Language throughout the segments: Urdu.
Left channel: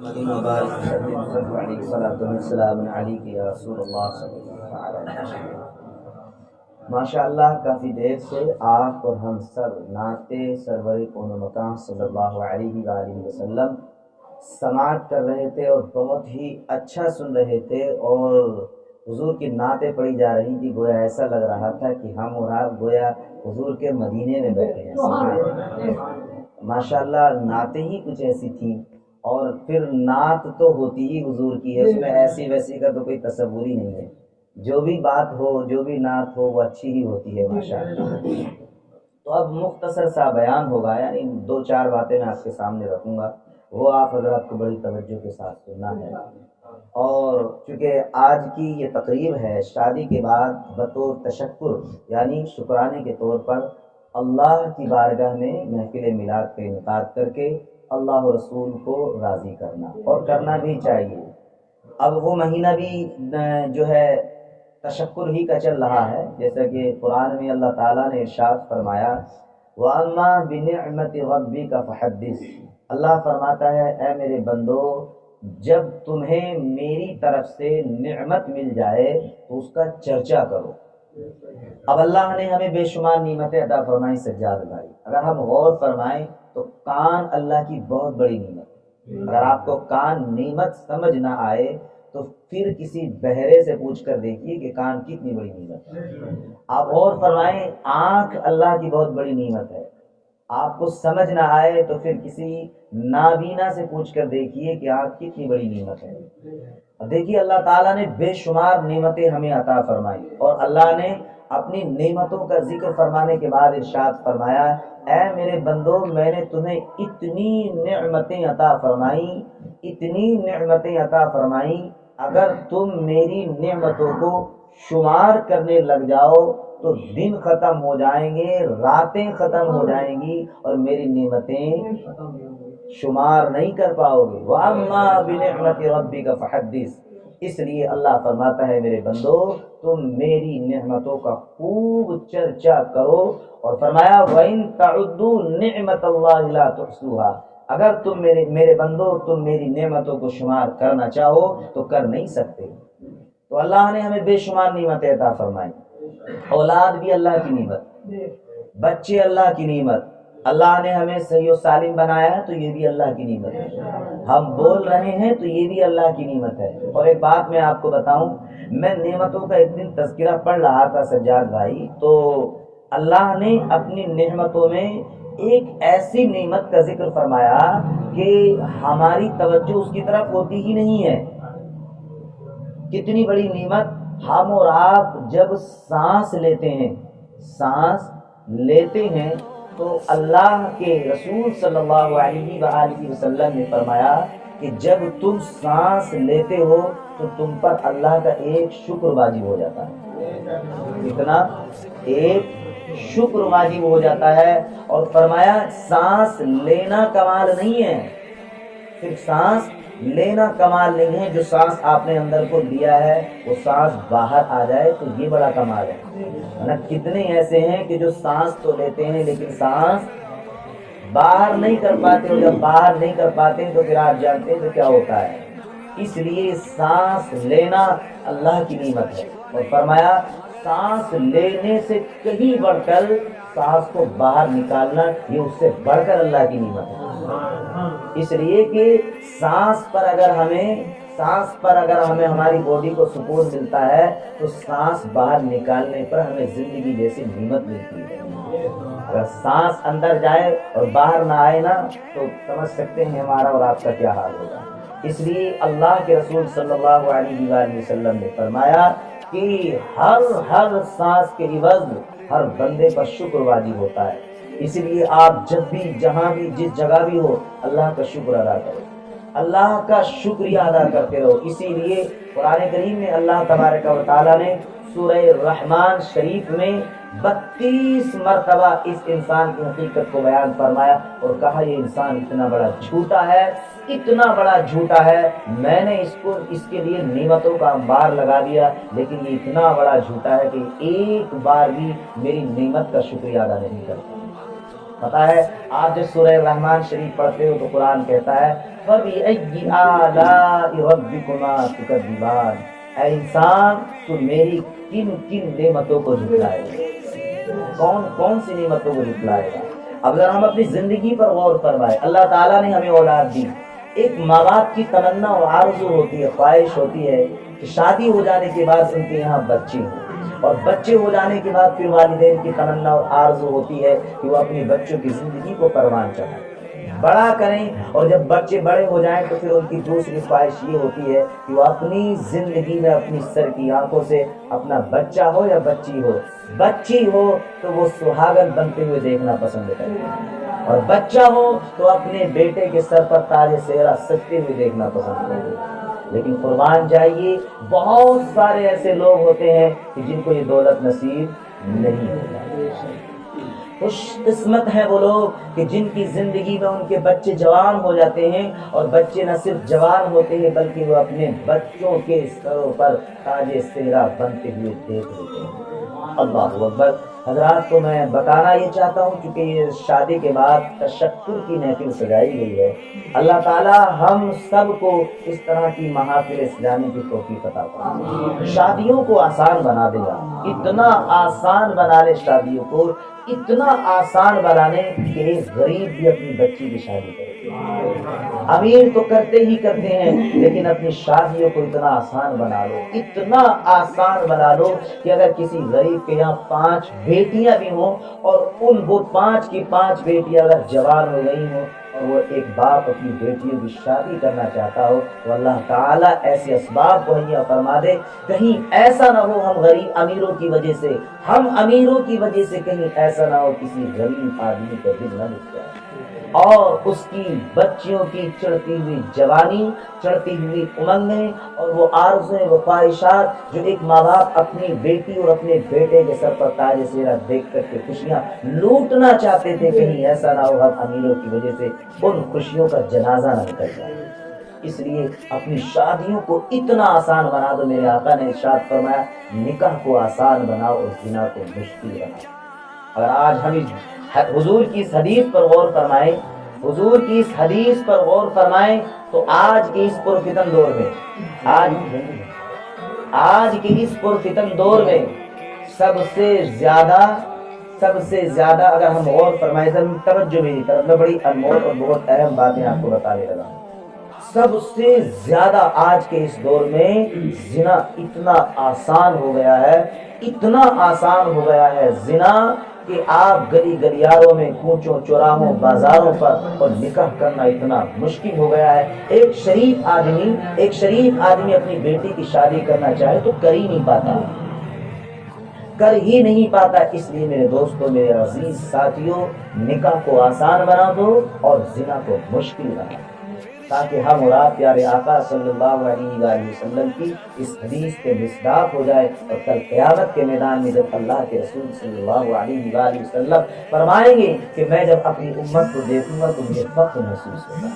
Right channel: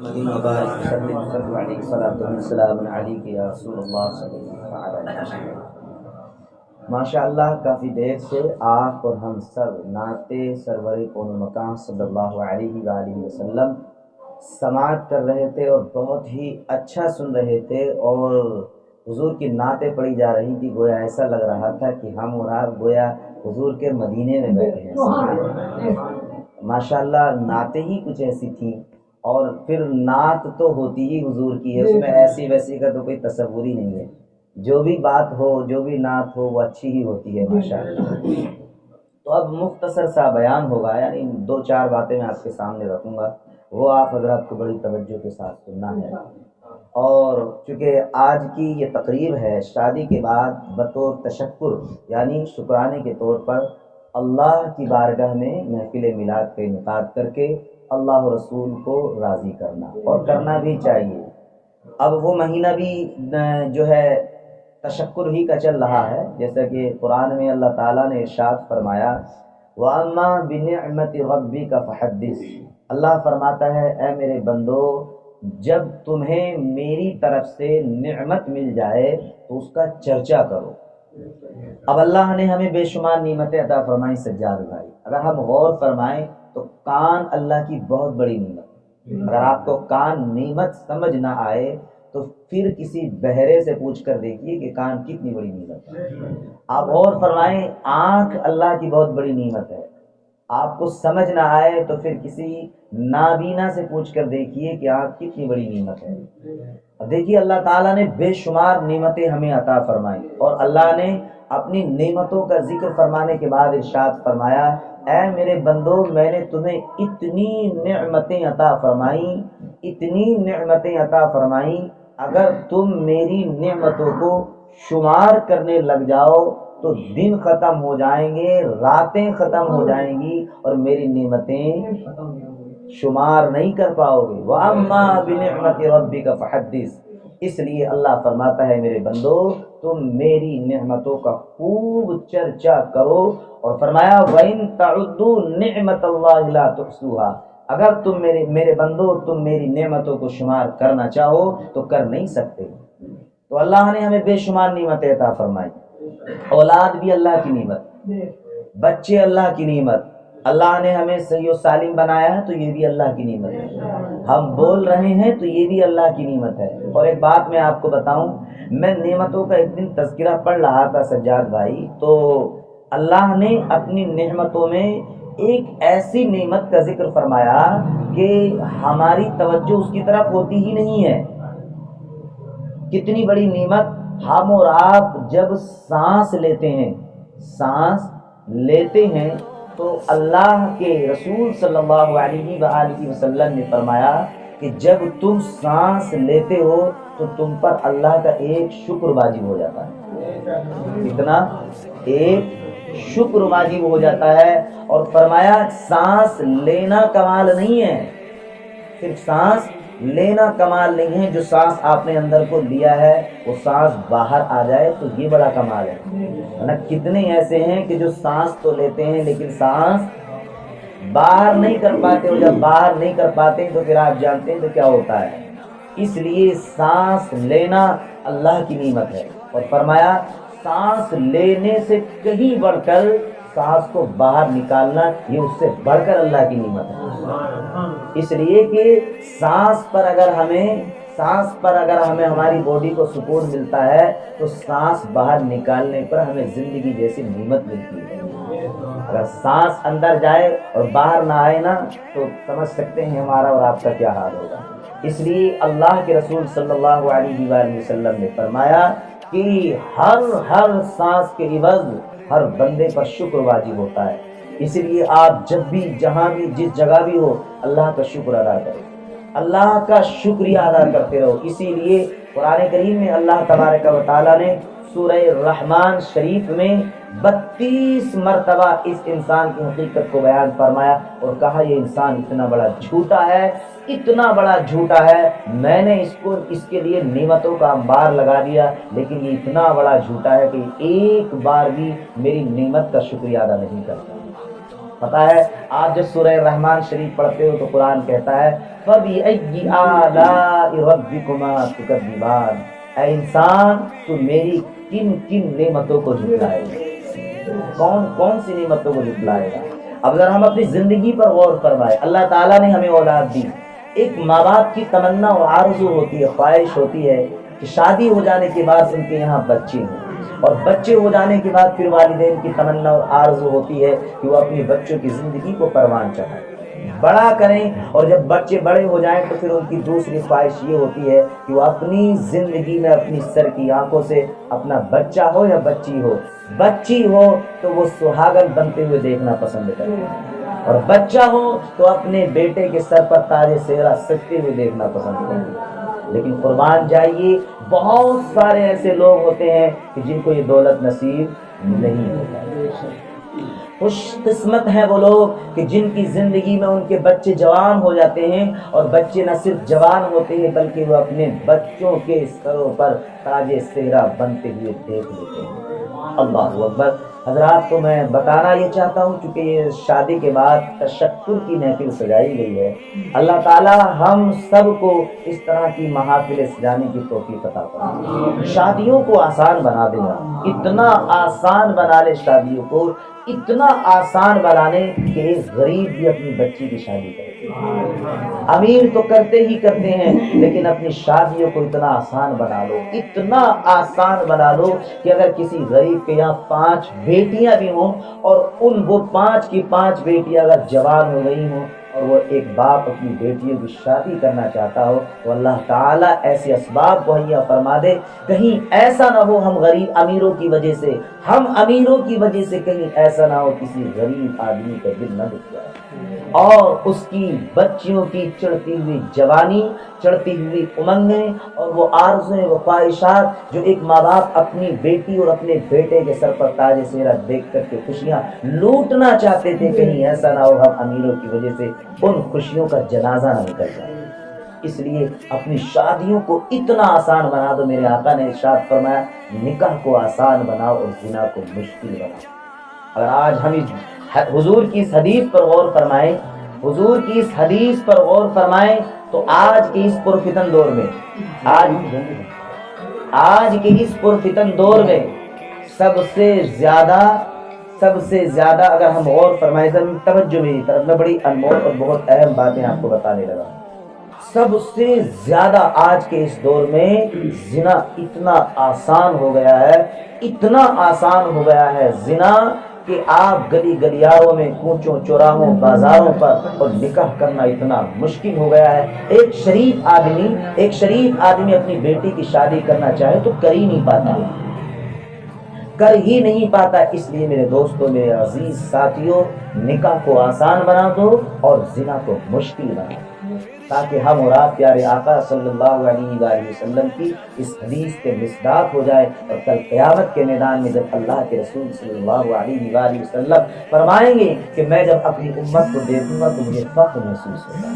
مبارک وسلم صلی علیہ السلام علیک یا رسول اللہ صلی اللہ علیہ وسلم۔ ماشاء اللہ کافی دیر سے آپ اور ہم سب نعت سرور کون و مکان صلی اللہ علیہ وآلہ وسلم سماعت کر رہے تھے اور بہت ہی اچھا سن رہے تھے، اور حضور کی نعتیں پڑھی جا رہی تھی۔ گویا ایسا لگ رہا تھا کہ ہم اور آپ گویا حضور کے مدینے میں بیٹھے ہیں۔ ماشاء اللہ نعتیں ہی کچھ ایسی تھیں، اور پھر نعت تو ہوتی ہی حضور کی ہے، اس میں ایسی ویسی کا تو کوئی تصور ہی نہیں ہے۔ جو بھی بات ہو، جو بھی نعت ہو، وہ اچھی ہی ہوتی ہے ماشاءاللہ۔ تو اب مختصر سا بیان ہوگا، یعنی 2-4 باتیں میں آپ کے سامنے رکھوں گا، وہ آپ حضرات کو بڑی توجہ کے ساتھ سننا ہے۔ اور چونکہ آج کی یہ تقریب ہے شادی کے بعد بطور تشکر یعنی شکرانے کے طور پر اللہ کی بارگاہ میں محفل میلاد کا انعقاد کر کے اللہ و رسول کو راضی کرنا، اور کرنا بھی چاہیے۔ اب وہ مہینہ بھی جو ہے تشکر ہی کا چل رہا ہے، جیسا کہ قرآن میں اللہ تعالیٰ نے ارشاد فرمایا وَأَمَّا بِنِعْمَةِ رَبِّكَ فَحَدِّثْ۔ اللہ فرماتا ہے اے میرے بندو، جب تمہیں میری طرف سے نعمت مل جائے تو اس کا چرچا کرو۔ اب اللہ نے ہمیں بے شمار نعمتیں عطا فرمائی سجاد بھائی، اگر ہم غور فرمائیں تو کان اللہ کی بہت بڑی نعمت ہے۔ اگر آپ کو کان نعمت سمجھ نہ آئے تو پھر کسی بہرے سے پوچھ کر دیکھیے کہ کان کتنی بڑی نعمت ہے۔ آپ غور فرمائیں، آنکھ اللہ کی بہت بڑی نعمت ہے۔ آپ کو سمجھ نہ آئے تو پھر کسی نابینا سے پوچھ کر دیکھیے کہ آنکھ کتنی بڑی نعمت ہے۔ اب دیکھیے اللہ تعالیٰ نے بے شمار نعمتیں ہمیں عطا فرمائی، اور اللہ نے اپنی نعمتوں کا ذکر فرمانے کے بعد ارشاد فرمایا اے میرے بندو، میں نے تمہیں اتنی نعمتیں عطا فرمائیں، اتنی نعمتیں عطا فرمائیں، اگر تم میری نعمتوں کو شمار کرنے لگ جاؤ تو دن ختم ہو جائیں گے، راتیں ختم ہو جائیں گی، اور میری نعمتیں شمار نہیں کر پاؤ گے۔ وَأَمَّا بِنِعْمَةِ رَبِّكَ فَحَدِّثْ۔ اس لیے اللہ فرماتا ہے میرے بندو تم میری نعمتوں کا خوب چرچا کرو، اور فرمایا وَإِن تَعُدُّوا نِعْمَةَ اللَّهِ لَا تُحْصُوهَا۔ اگر تم میرے بندو تم میری نعمتوں کو شمار کرنا چاہو تو کر نہیں سکتے۔ تو اللہ نے ہمیں بے شمار نعمتیں عطا فرمائی۔ اولاد بھی اللہ کی نعمت، بچے اللہ کی نعمت، اللہ نے ہمیں صحیح و سالم بنایا ہے تو یہ بھی اللہ کی نعمت ہے، ہم بول رہے ہیں تو یہ بھی اللہ کی نعمت ہے۔ اور ایک بات میں آپ کو بتاؤں، میں نعمتوں کا ایک دن تذکرہ پڑھ رہا تھا سجاد بھائی، تو اللہ نے اپنی نعمتوں میں ایک ایسی نعمت کا ذکر فرمایا کہ ہماری توجہ اس کی طرف ہوتی ہی نہیں ہے۔ کتنی بڑی نعمت! ہم اور آپ جب سانس لیتے ہیں تو اللہ کے رسول صلی اللہ علیہ وآلہ وسلم نے فرمایا کہ جب تم سانس لیتے ہو تو تم پر اللہ کا ایک شکر واجب ہو جاتا ہے۔ کتنا؟ ایک شکر واجب ہو جاتا ہے۔ اور فرمایا سانس لینا کمال نہیں ہے، صرف سانس لینا کمال نہیں ہے، جو سانس آپ نے اندر کو لیا ہے وہ سانس باہر آ جائے تو یہ بڑا کمال ہے۔ کتنے ایسے ہیں کہ جو سانس تو لیتے ہیں لیکن سانس باہر نہیں کر پاتے، اور جب باہر نہیں کر پاتے تو پھر آپ جانتے ہیں تو کیا ہوتا ہے۔ اس لیے سانس لینا اللہ کی نعمت ہے، اور فرمایا سانس لینے سے کہیں بڑھ کر سانس کو باہر نکالنا یہ اس سے بڑھ کر اللہ کی نعمت ہے۔ اس لیے کہ سانس پر اگر ہمیں ہماری باڈی کو سکون ملتا ہے تو سانس باہر نکالنے پر ہمیں زندگی جیسی نعمت ملتی ہے۔ اگر سانس اندر جائے اور باہر نہ آئے نا تو سمجھ سکتے ہیں ہمارا اور آپ کا کیا حال ہوگا۔ اس لیے اللہ کے رسول صلی اللہ علیہ وآلہ وسلم نے فرمایا کہ ہر سانس کے عوض ہر بندے پر شکر واجب ہوتا ہے۔ اس لیے آپ جب بھی جہاں بھی جس جگہ بھی ہو اللہ کا شکر ادا کرو، اللہ کا شکریہ ادا کرتے رہو۔ اسی لیے قرآن کریم میں اللہ تبارک و تعالیٰ نے سورہ رحمان شریف میں 32 مرتبہ اس انسان کی حقیقت کو بیان فرمایا اور کہا یہ انسان اتنا بڑا جھوٹا ہے، اتنا بڑا جھوٹا ہے، میں نے اس کے لیے نعمتوں کا انبار لگا دیا لیکن یہ اتنا بڑا جھوٹا ہے کہ ایک بار بھی میری نعمت کا شکریہ ادا نہیں کرتا۔ پتہ ہے آپ جب سورہ رحمان شریف پڑھتے ہو تو قرآن کہتا ہے فَبِأَيِّ آلَاءِ رَبِّكُمَا تُكَذِّبَانِ، اے انسان تو میری کن کن نعمتوں کو جھٹلائے گا، کون کون سی نعمتوں کو جھٹلائے گا۔ اب اگر ہم اپنی زندگی پر غور فرمائیں، اللہ تعالیٰ نے ہمیں اولاد دی، ایک ماں باپ کی تمنا اور آرزو ہوتی ہے، خواہش ہوتی ہے کہ شادی ہو جانے کے بعد ان کے یہاں بچے ہوں، اور بچے ہو جانے کے بعد پھر والدین کی تمنا اور آرزو ہوتی ہے کہ وہ اپنی بچوں کی زندگی کو پروان چڑھائیں، بڑا کریں، اور جب بچے بڑے ہو جائیں تو پھر ان کی دوسری خواہش یہ ہوتی ہے کہ وہ اپنی زندگی میں اپنی سر کی آنکھوں سے اپنا بچہ ہو یا بچی ہو تو وہ سہاگن بنتے ہوئے دیکھنا پسند کرتے ہیں، اور بچہ ہو تو اپنے بیٹے کے سر پر تاج صحرا سجتے ہوئے دیکھنا پسند کرتے ہیں۔ لیکن قربان جائیے بہت سارے ایسے لوگ ہوتے ہیں کہ جن کو یہ دولت نصیب نہیں ہوتا۔ خوش قسمت ہیں وہ لوگ کہ جن کی زندگی میں ان کے بچے جوان ہو جاتے ہیں، اور بچے نہ صرف جوان ہوتے ہیں بلکہ وہ اپنے بچوں کے سروں پر تاج صحرا بنتے ہوئے دیکھ لیتے ہیں۔ اللہ اکبر۔ حضرات کو میں بتانا یہ چاہتا ہوں چونکہ یہ شادی کے بعد تشکر کی محفل سجائی گئی ہے، اللہ تعالی ہم سب کو اس طرح کی محافل سجانے کی توفیق عطا فرمائے، شادیوں کو آسان بنا دے گا، اتنا آسان بنا لے شادیوں کو، اتنا آسان بنانے کہ ایک غریب بھی اپنی بچی کی شادی کرے، امیر تو کرتے ہی کرتے ہیں لیکن اپنی شادیوں کو اتنا آسان بنا لو، اتنا آسان بنا لو کہ اگر کسی غریب کے یہاں 5 بیٹیاں بھی ہوں اور وہ 5 کی 5 بیٹیاں اگر جوان ہو گئی ہوں اور وہ ایک باپ اپنی بیٹیوں کی شادی کرنا چاہتا ہو تو اللہ تعالیٰ ایسے اسباب مہیا فرما دے، کہیں ایسا نہ ہو ہم امیروں کی وجہ سے کہیں ایسا نہ ہو کسی غریب آدمی کا دل نہ دکھ جائے، اور اس کی بچیوں کی چڑھتی ہوئی جوانی، چڑھتی ہوئی امنگیں اور وہ آرزویں، وہ خواہشات جو ایک ماں باپ اپنی بیٹی اور اپنے بیٹے کے سر پر تاج صحرا دیکھ کر کے خوشیاں لوٹنا چاہتے تھے، کہیں ایسا نہ ہو ہم امیروں کی وجہ سے ان خوشیوں کا جنازہ نہ نکل جائے۔ اس لیے اپنی شادیوں کو اتنا آسان بنا دو، میرے آقا نے ارشاد فرمایا نکاح کو آسان بناؤ اور زنا کو مشکل بناؤ۔ اگر آج ہم حضور کی اس حدیث پر غور فرمائیں تو آج کے اس پرفتن دور میں سب سے زیادہ اگر ہم غور فرمائیں، توجہ میری طرف، میں بڑی انمول اور بہت اہم باتیں آپ کو بتانے لگا ہوں۔ سب سے زیادہ آج کے اس دور میں زنا اتنا آسان ہو گیا ہے زنا کہ آپ گلی گلیاروں میں، کوچوں چوراہوں، بازاروں پر اور نکاح کرنا اتنا مشکل ہو گیا ہے۔ ایک شریف آدمی اپنی بیٹی کی شادی کرنا چاہے تو کر ہی نہیں پاتا۔ اس لیے میرے دوستوں، میرے عزیز ساتھیوں، نکاح کو آسان بنا دو اور زنا کو مشکل بنا دو، تاکہ ہم اور آپ پیارے آقا صلی اللہ علیہ وآلہ وسلم کی اس حدیث کے مصداق ہو جائے، اور کل قیامت کے میدان میں جب اللہ کے رسول صلی اللہ علیہ وآلہ وسلم فرمائیں گے کہ میں جب اپنی امت کو دیکھوں گا تو مجھے فخر محسوس ہوگا،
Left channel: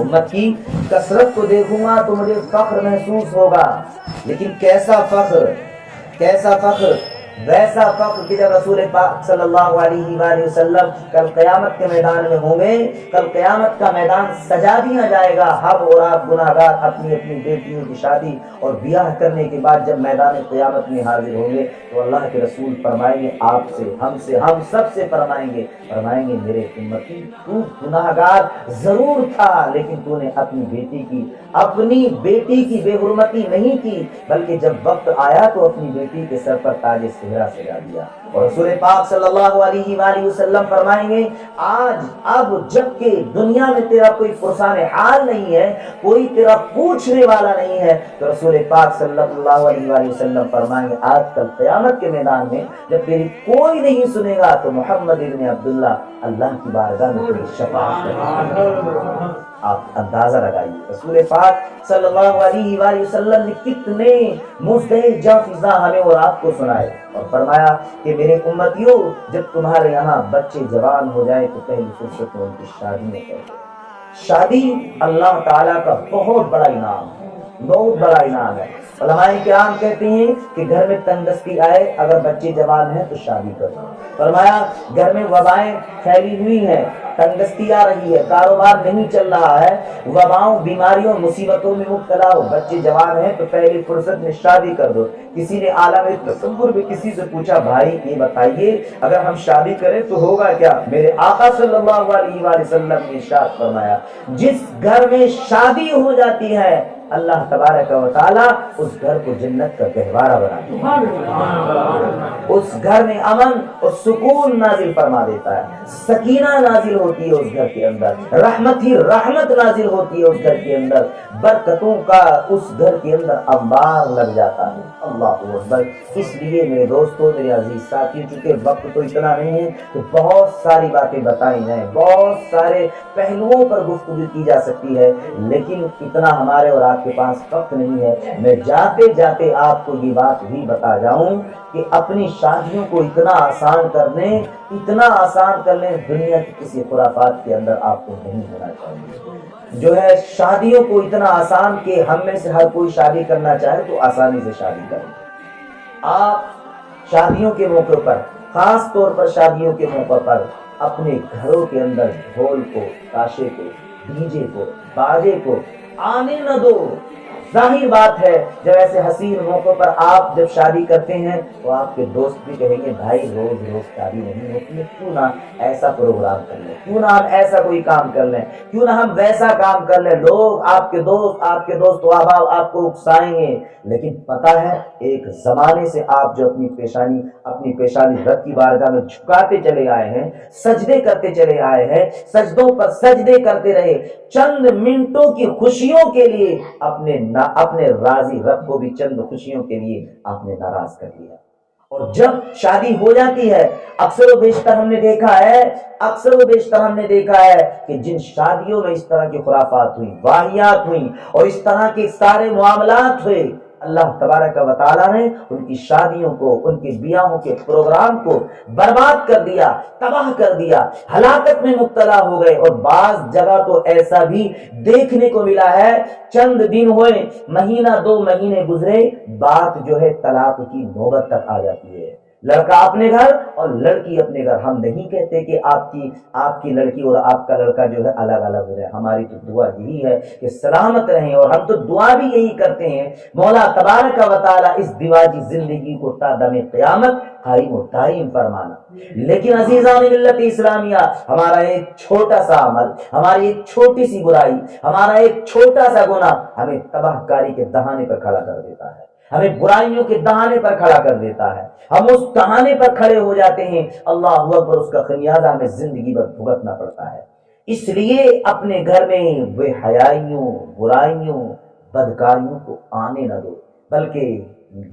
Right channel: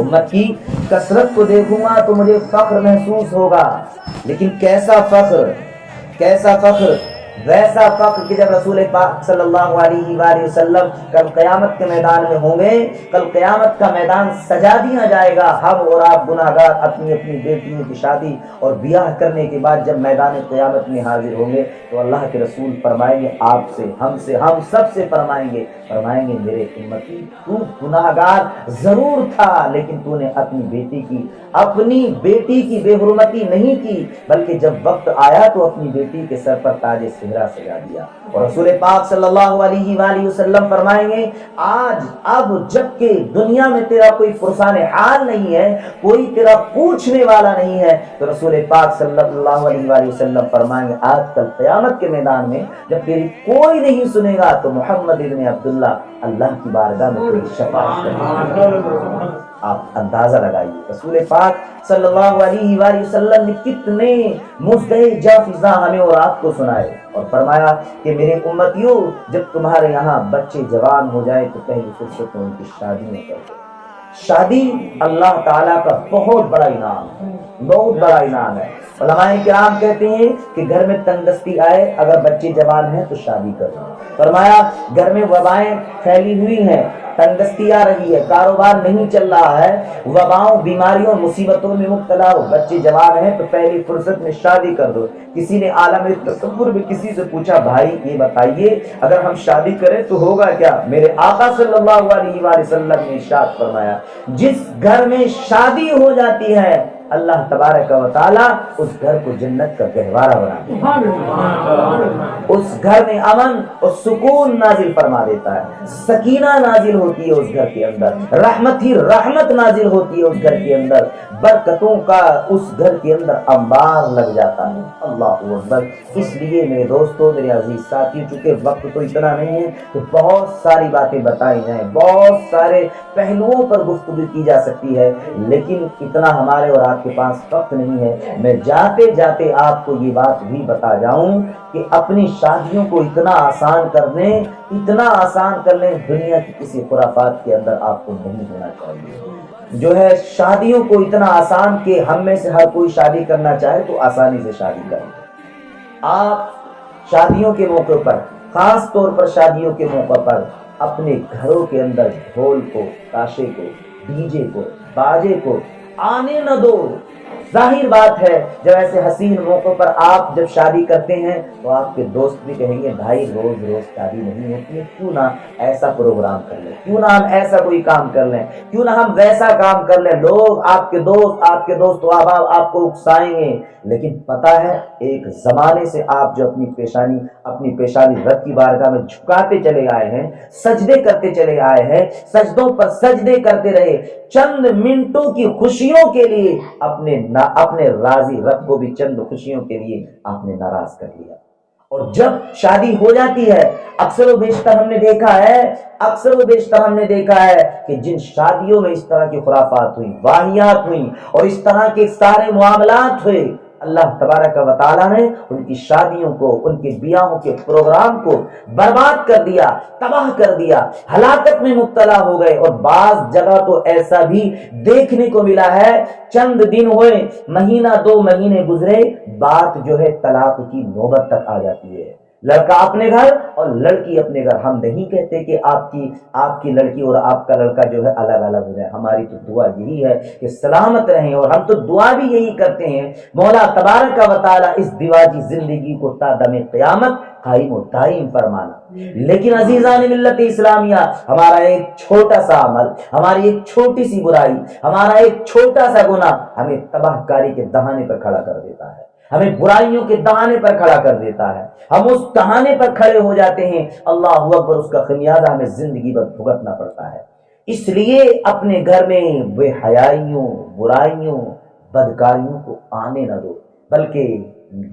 امت کی کثرت کو دیکھوں گا تو مجھے فخر محسوس ہوگا، لیکن کیسا فخر، ویسا فخر کہ جب رسول پاک صلی اللہ علیہ وآلہ وسلم کل قیامت کے میدان میں ہوں گے، کل قیامت کا میدان سجا دیا جائے گا، ہم اور آپ گناہگار اپنی بیٹیوں کی شادی اور بیاہ کرنے کے بعد جب میدان قیامت میں حاضر ہوں گے تو اللہ کے رسول فرمائیں گے آپ سے، ہم سب سے فرمائیں گے میرے امتی، تو گناہگار ضرور تھا لیکن تو نے اپنی بیٹی کی بے حرمتی نہیں کی، بلکہ جب وقت آیا تو اپنی بیٹی کے سر پر تاج صحرا سجا دیا۔ اور رسول پاک صلی اللہ علیہ وآلہ وسلم فرمائیں گے اب جب کہ دنیا میں تیرا کوئی پرسان حال نہیں ہے، کوئی تیرا پوچھنے والا نہیں ہے، تو رسول پاک صلی اللہ علیہ وآلہ وسلم فرمائیں گے آج کل قیامت کے میدان میں جب تیری کوئی نہیں سنے گا تو محمد ابن عبداللہ اللہ کی بارگاہ میں تیری شفاعت کرے گا۔ آپ اندازہ لگائیے رسول پاک صلی اللہ علیہ وآلہ وسلم نے کتنے مزدہ جافزہ ہمیں اور آپ کو سنائے، اور فرمایا کہ میرے امتیوں جب تمہارے یہاں بچے جوان ہو جائے تو پہلی فرصت میں ان کی شادی نہ کرو۔ شادی اللہ تعالیٰ کا بہت بڑا انعام ہے، علماء کرام کہتے ہیں کہ گھر میں تنگدستی آئے، اگر بچے جوان ہیں تو شادی کرو۔ فرمایا گھر میں وبائیں پھیلی ہوئی ہیں، تنگدستی آ رہی ہے، کاروبار نہیں چل رہا ہے، وباؤں بیماریوں مصیبتوں میں مبتلا ہو، بچے جوان ہیں تو پہلی فرصت میں شادی کر دو۔ کسی نے عالم تصور میں کسی سے پوچھا، بھائی یہ بتائیے اگر ہم شادی کریں تو ہوگا کیا؟ میرے آقا صلی اللہ علیہ وآلہ وسلم نے ارشاد فرمایا، جس گھر میں شادی ہو جاتی ہے اللہ تبارک و تعالی اس گھر کو جنت کا گہوارہ بنا دیتا ہے، اس گھر میں امن اور سکون نازل فرما دیتا ہے، سکینہ نازل ہوتی ہے اس گھر کے اندر، رحمت ہی رحمت نازل ہوتی ہے اس گھر کے اندر، برکتوں کا اس گھر کے اندر انبار لگ جاتا ہے۔ اللہ اکبر۔ اس لیے میرے دوستو، میرے عزیز ساتھی، چونکہ وقت تو اتنا نہیں ہے کہ بہت ساری باتیں بتائی جائیں، بہت سارے پہلوؤں پر گفتگو کی جا سکتی ہے، لیکن اتنا ہمارے اور آپ کے پاس وقت نہیں ہے۔ میں جاتے جاتے آپ کو یہ بات بھی بتا جاؤں کہ اپنی شادیوں کو اتنا آسان کر لیں، اتنا آسان کر لیں، دنیا کی کسی خرافات کے اندر آپ کو نہیں ہونا چاہیے۔ جو ہے شادیوں کو اتنا آسان کہ ہم میں سے ہر کوئی شادی کرنا چاہے تو آسانی سے شادی کریں۔ آپ شادیوں کے موقع پر، خاص طور پر شادیوں کے موقع پر، اپنے گھروں کے اندر ڈھول کو، تاشے کو، ڈی جے کو، باجے کو آنے نہ دو۔ ظاہر بات ہے جب ایسے حسین موقع پر آپ جب شادی کرتے ہیں تو آپ کے دوست بھی کہیں گے بھائی روز روز شادی نہیں ہوتی ہے، کیوں نہ ایسا پروگرام کر لیں، کیوں نہ ہم ایسا کوئی کام کر لیں، کیوں نہ ہم ویسا کام کر لیں۔ لوگ آپ کے دوست و احباب آپ کو اکسائیں گے، لیکن پتہ ہے ایک زمانے سے آپ جو اپنی پیشانی رب کی بارگاہ میں جھکاتے چلے آئے ہیں، سجدے کرتے چلے آئے ہیں، سجدوں پر سجدے کرتے رہے، چند منٹوں کی خوشیوں کے لیے اپنے راضی رب کو بھی چند خوشیوں کے لیے آپ نے ناراض کر لیا۔ اور جب شادی ہو جاتی ہے اکثر و بیشتر ہم نے دیکھا ہے کہ جن شادیوں میں اس طرح کی خرافات ہوئی، واہیات ہوئی اور اس طرح کے سارے معاملات ہوئے، اللہ تبارک و تعالیٰ نے ان کی شادیوں کو، ان کے بیاہوں کے پروگرام کو برباد کر دیا، تباہ کر دیا، ہلاکت میں مبتلا ہو گئے۔ اور بعض جگہ تو ایسا بھی دیکھنے کو ملا ہے، چند دن ہوئے، مہینہ 2 مہینے گزرے، بات جو ہے طلاق کی نوبت تک آ جاتی ہے۔ لڑکا اپنے گھر اور لڑکی اپنے گھر۔ ہم نہیں کہتے کہ آپ کی لڑکی اور آپ کا لڑکا جو ہے الگ الگ ہو جائے، ہماری تو دعا یہی ہے کہ سلامت رہیں، اور ہم تو دعا بھی یہی کرتے ہیں مولا تبارک و تعالی اس دیواجی زندگی کو تا دم قیامت قائم و دائم فرمانا۔ لیکن عزیزان ملت اسلامیہ، ہمارا ایک چھوٹا سا عمل، ہماری ایک چھوٹی سی برائی، ہمارا ایک چھوٹا سا گناہ ہمیں تباہ کاری کے دہانے پر کھڑا کر دیتا ہے، ہمیں برائیوں کے دہانے پر کھڑا کر دیتا ہے، ہم اس دہانے پر کھڑے ہو جاتے ہیں، اللہ اکبر، اس کا خمیازہ ہمیں زندگی بھر بھگتنا پڑتا ہے۔ اس لیے اپنے گھر میں بے حیائیوں، برائیوں، بدکاریوں کو آنے نہ دو، بلکہ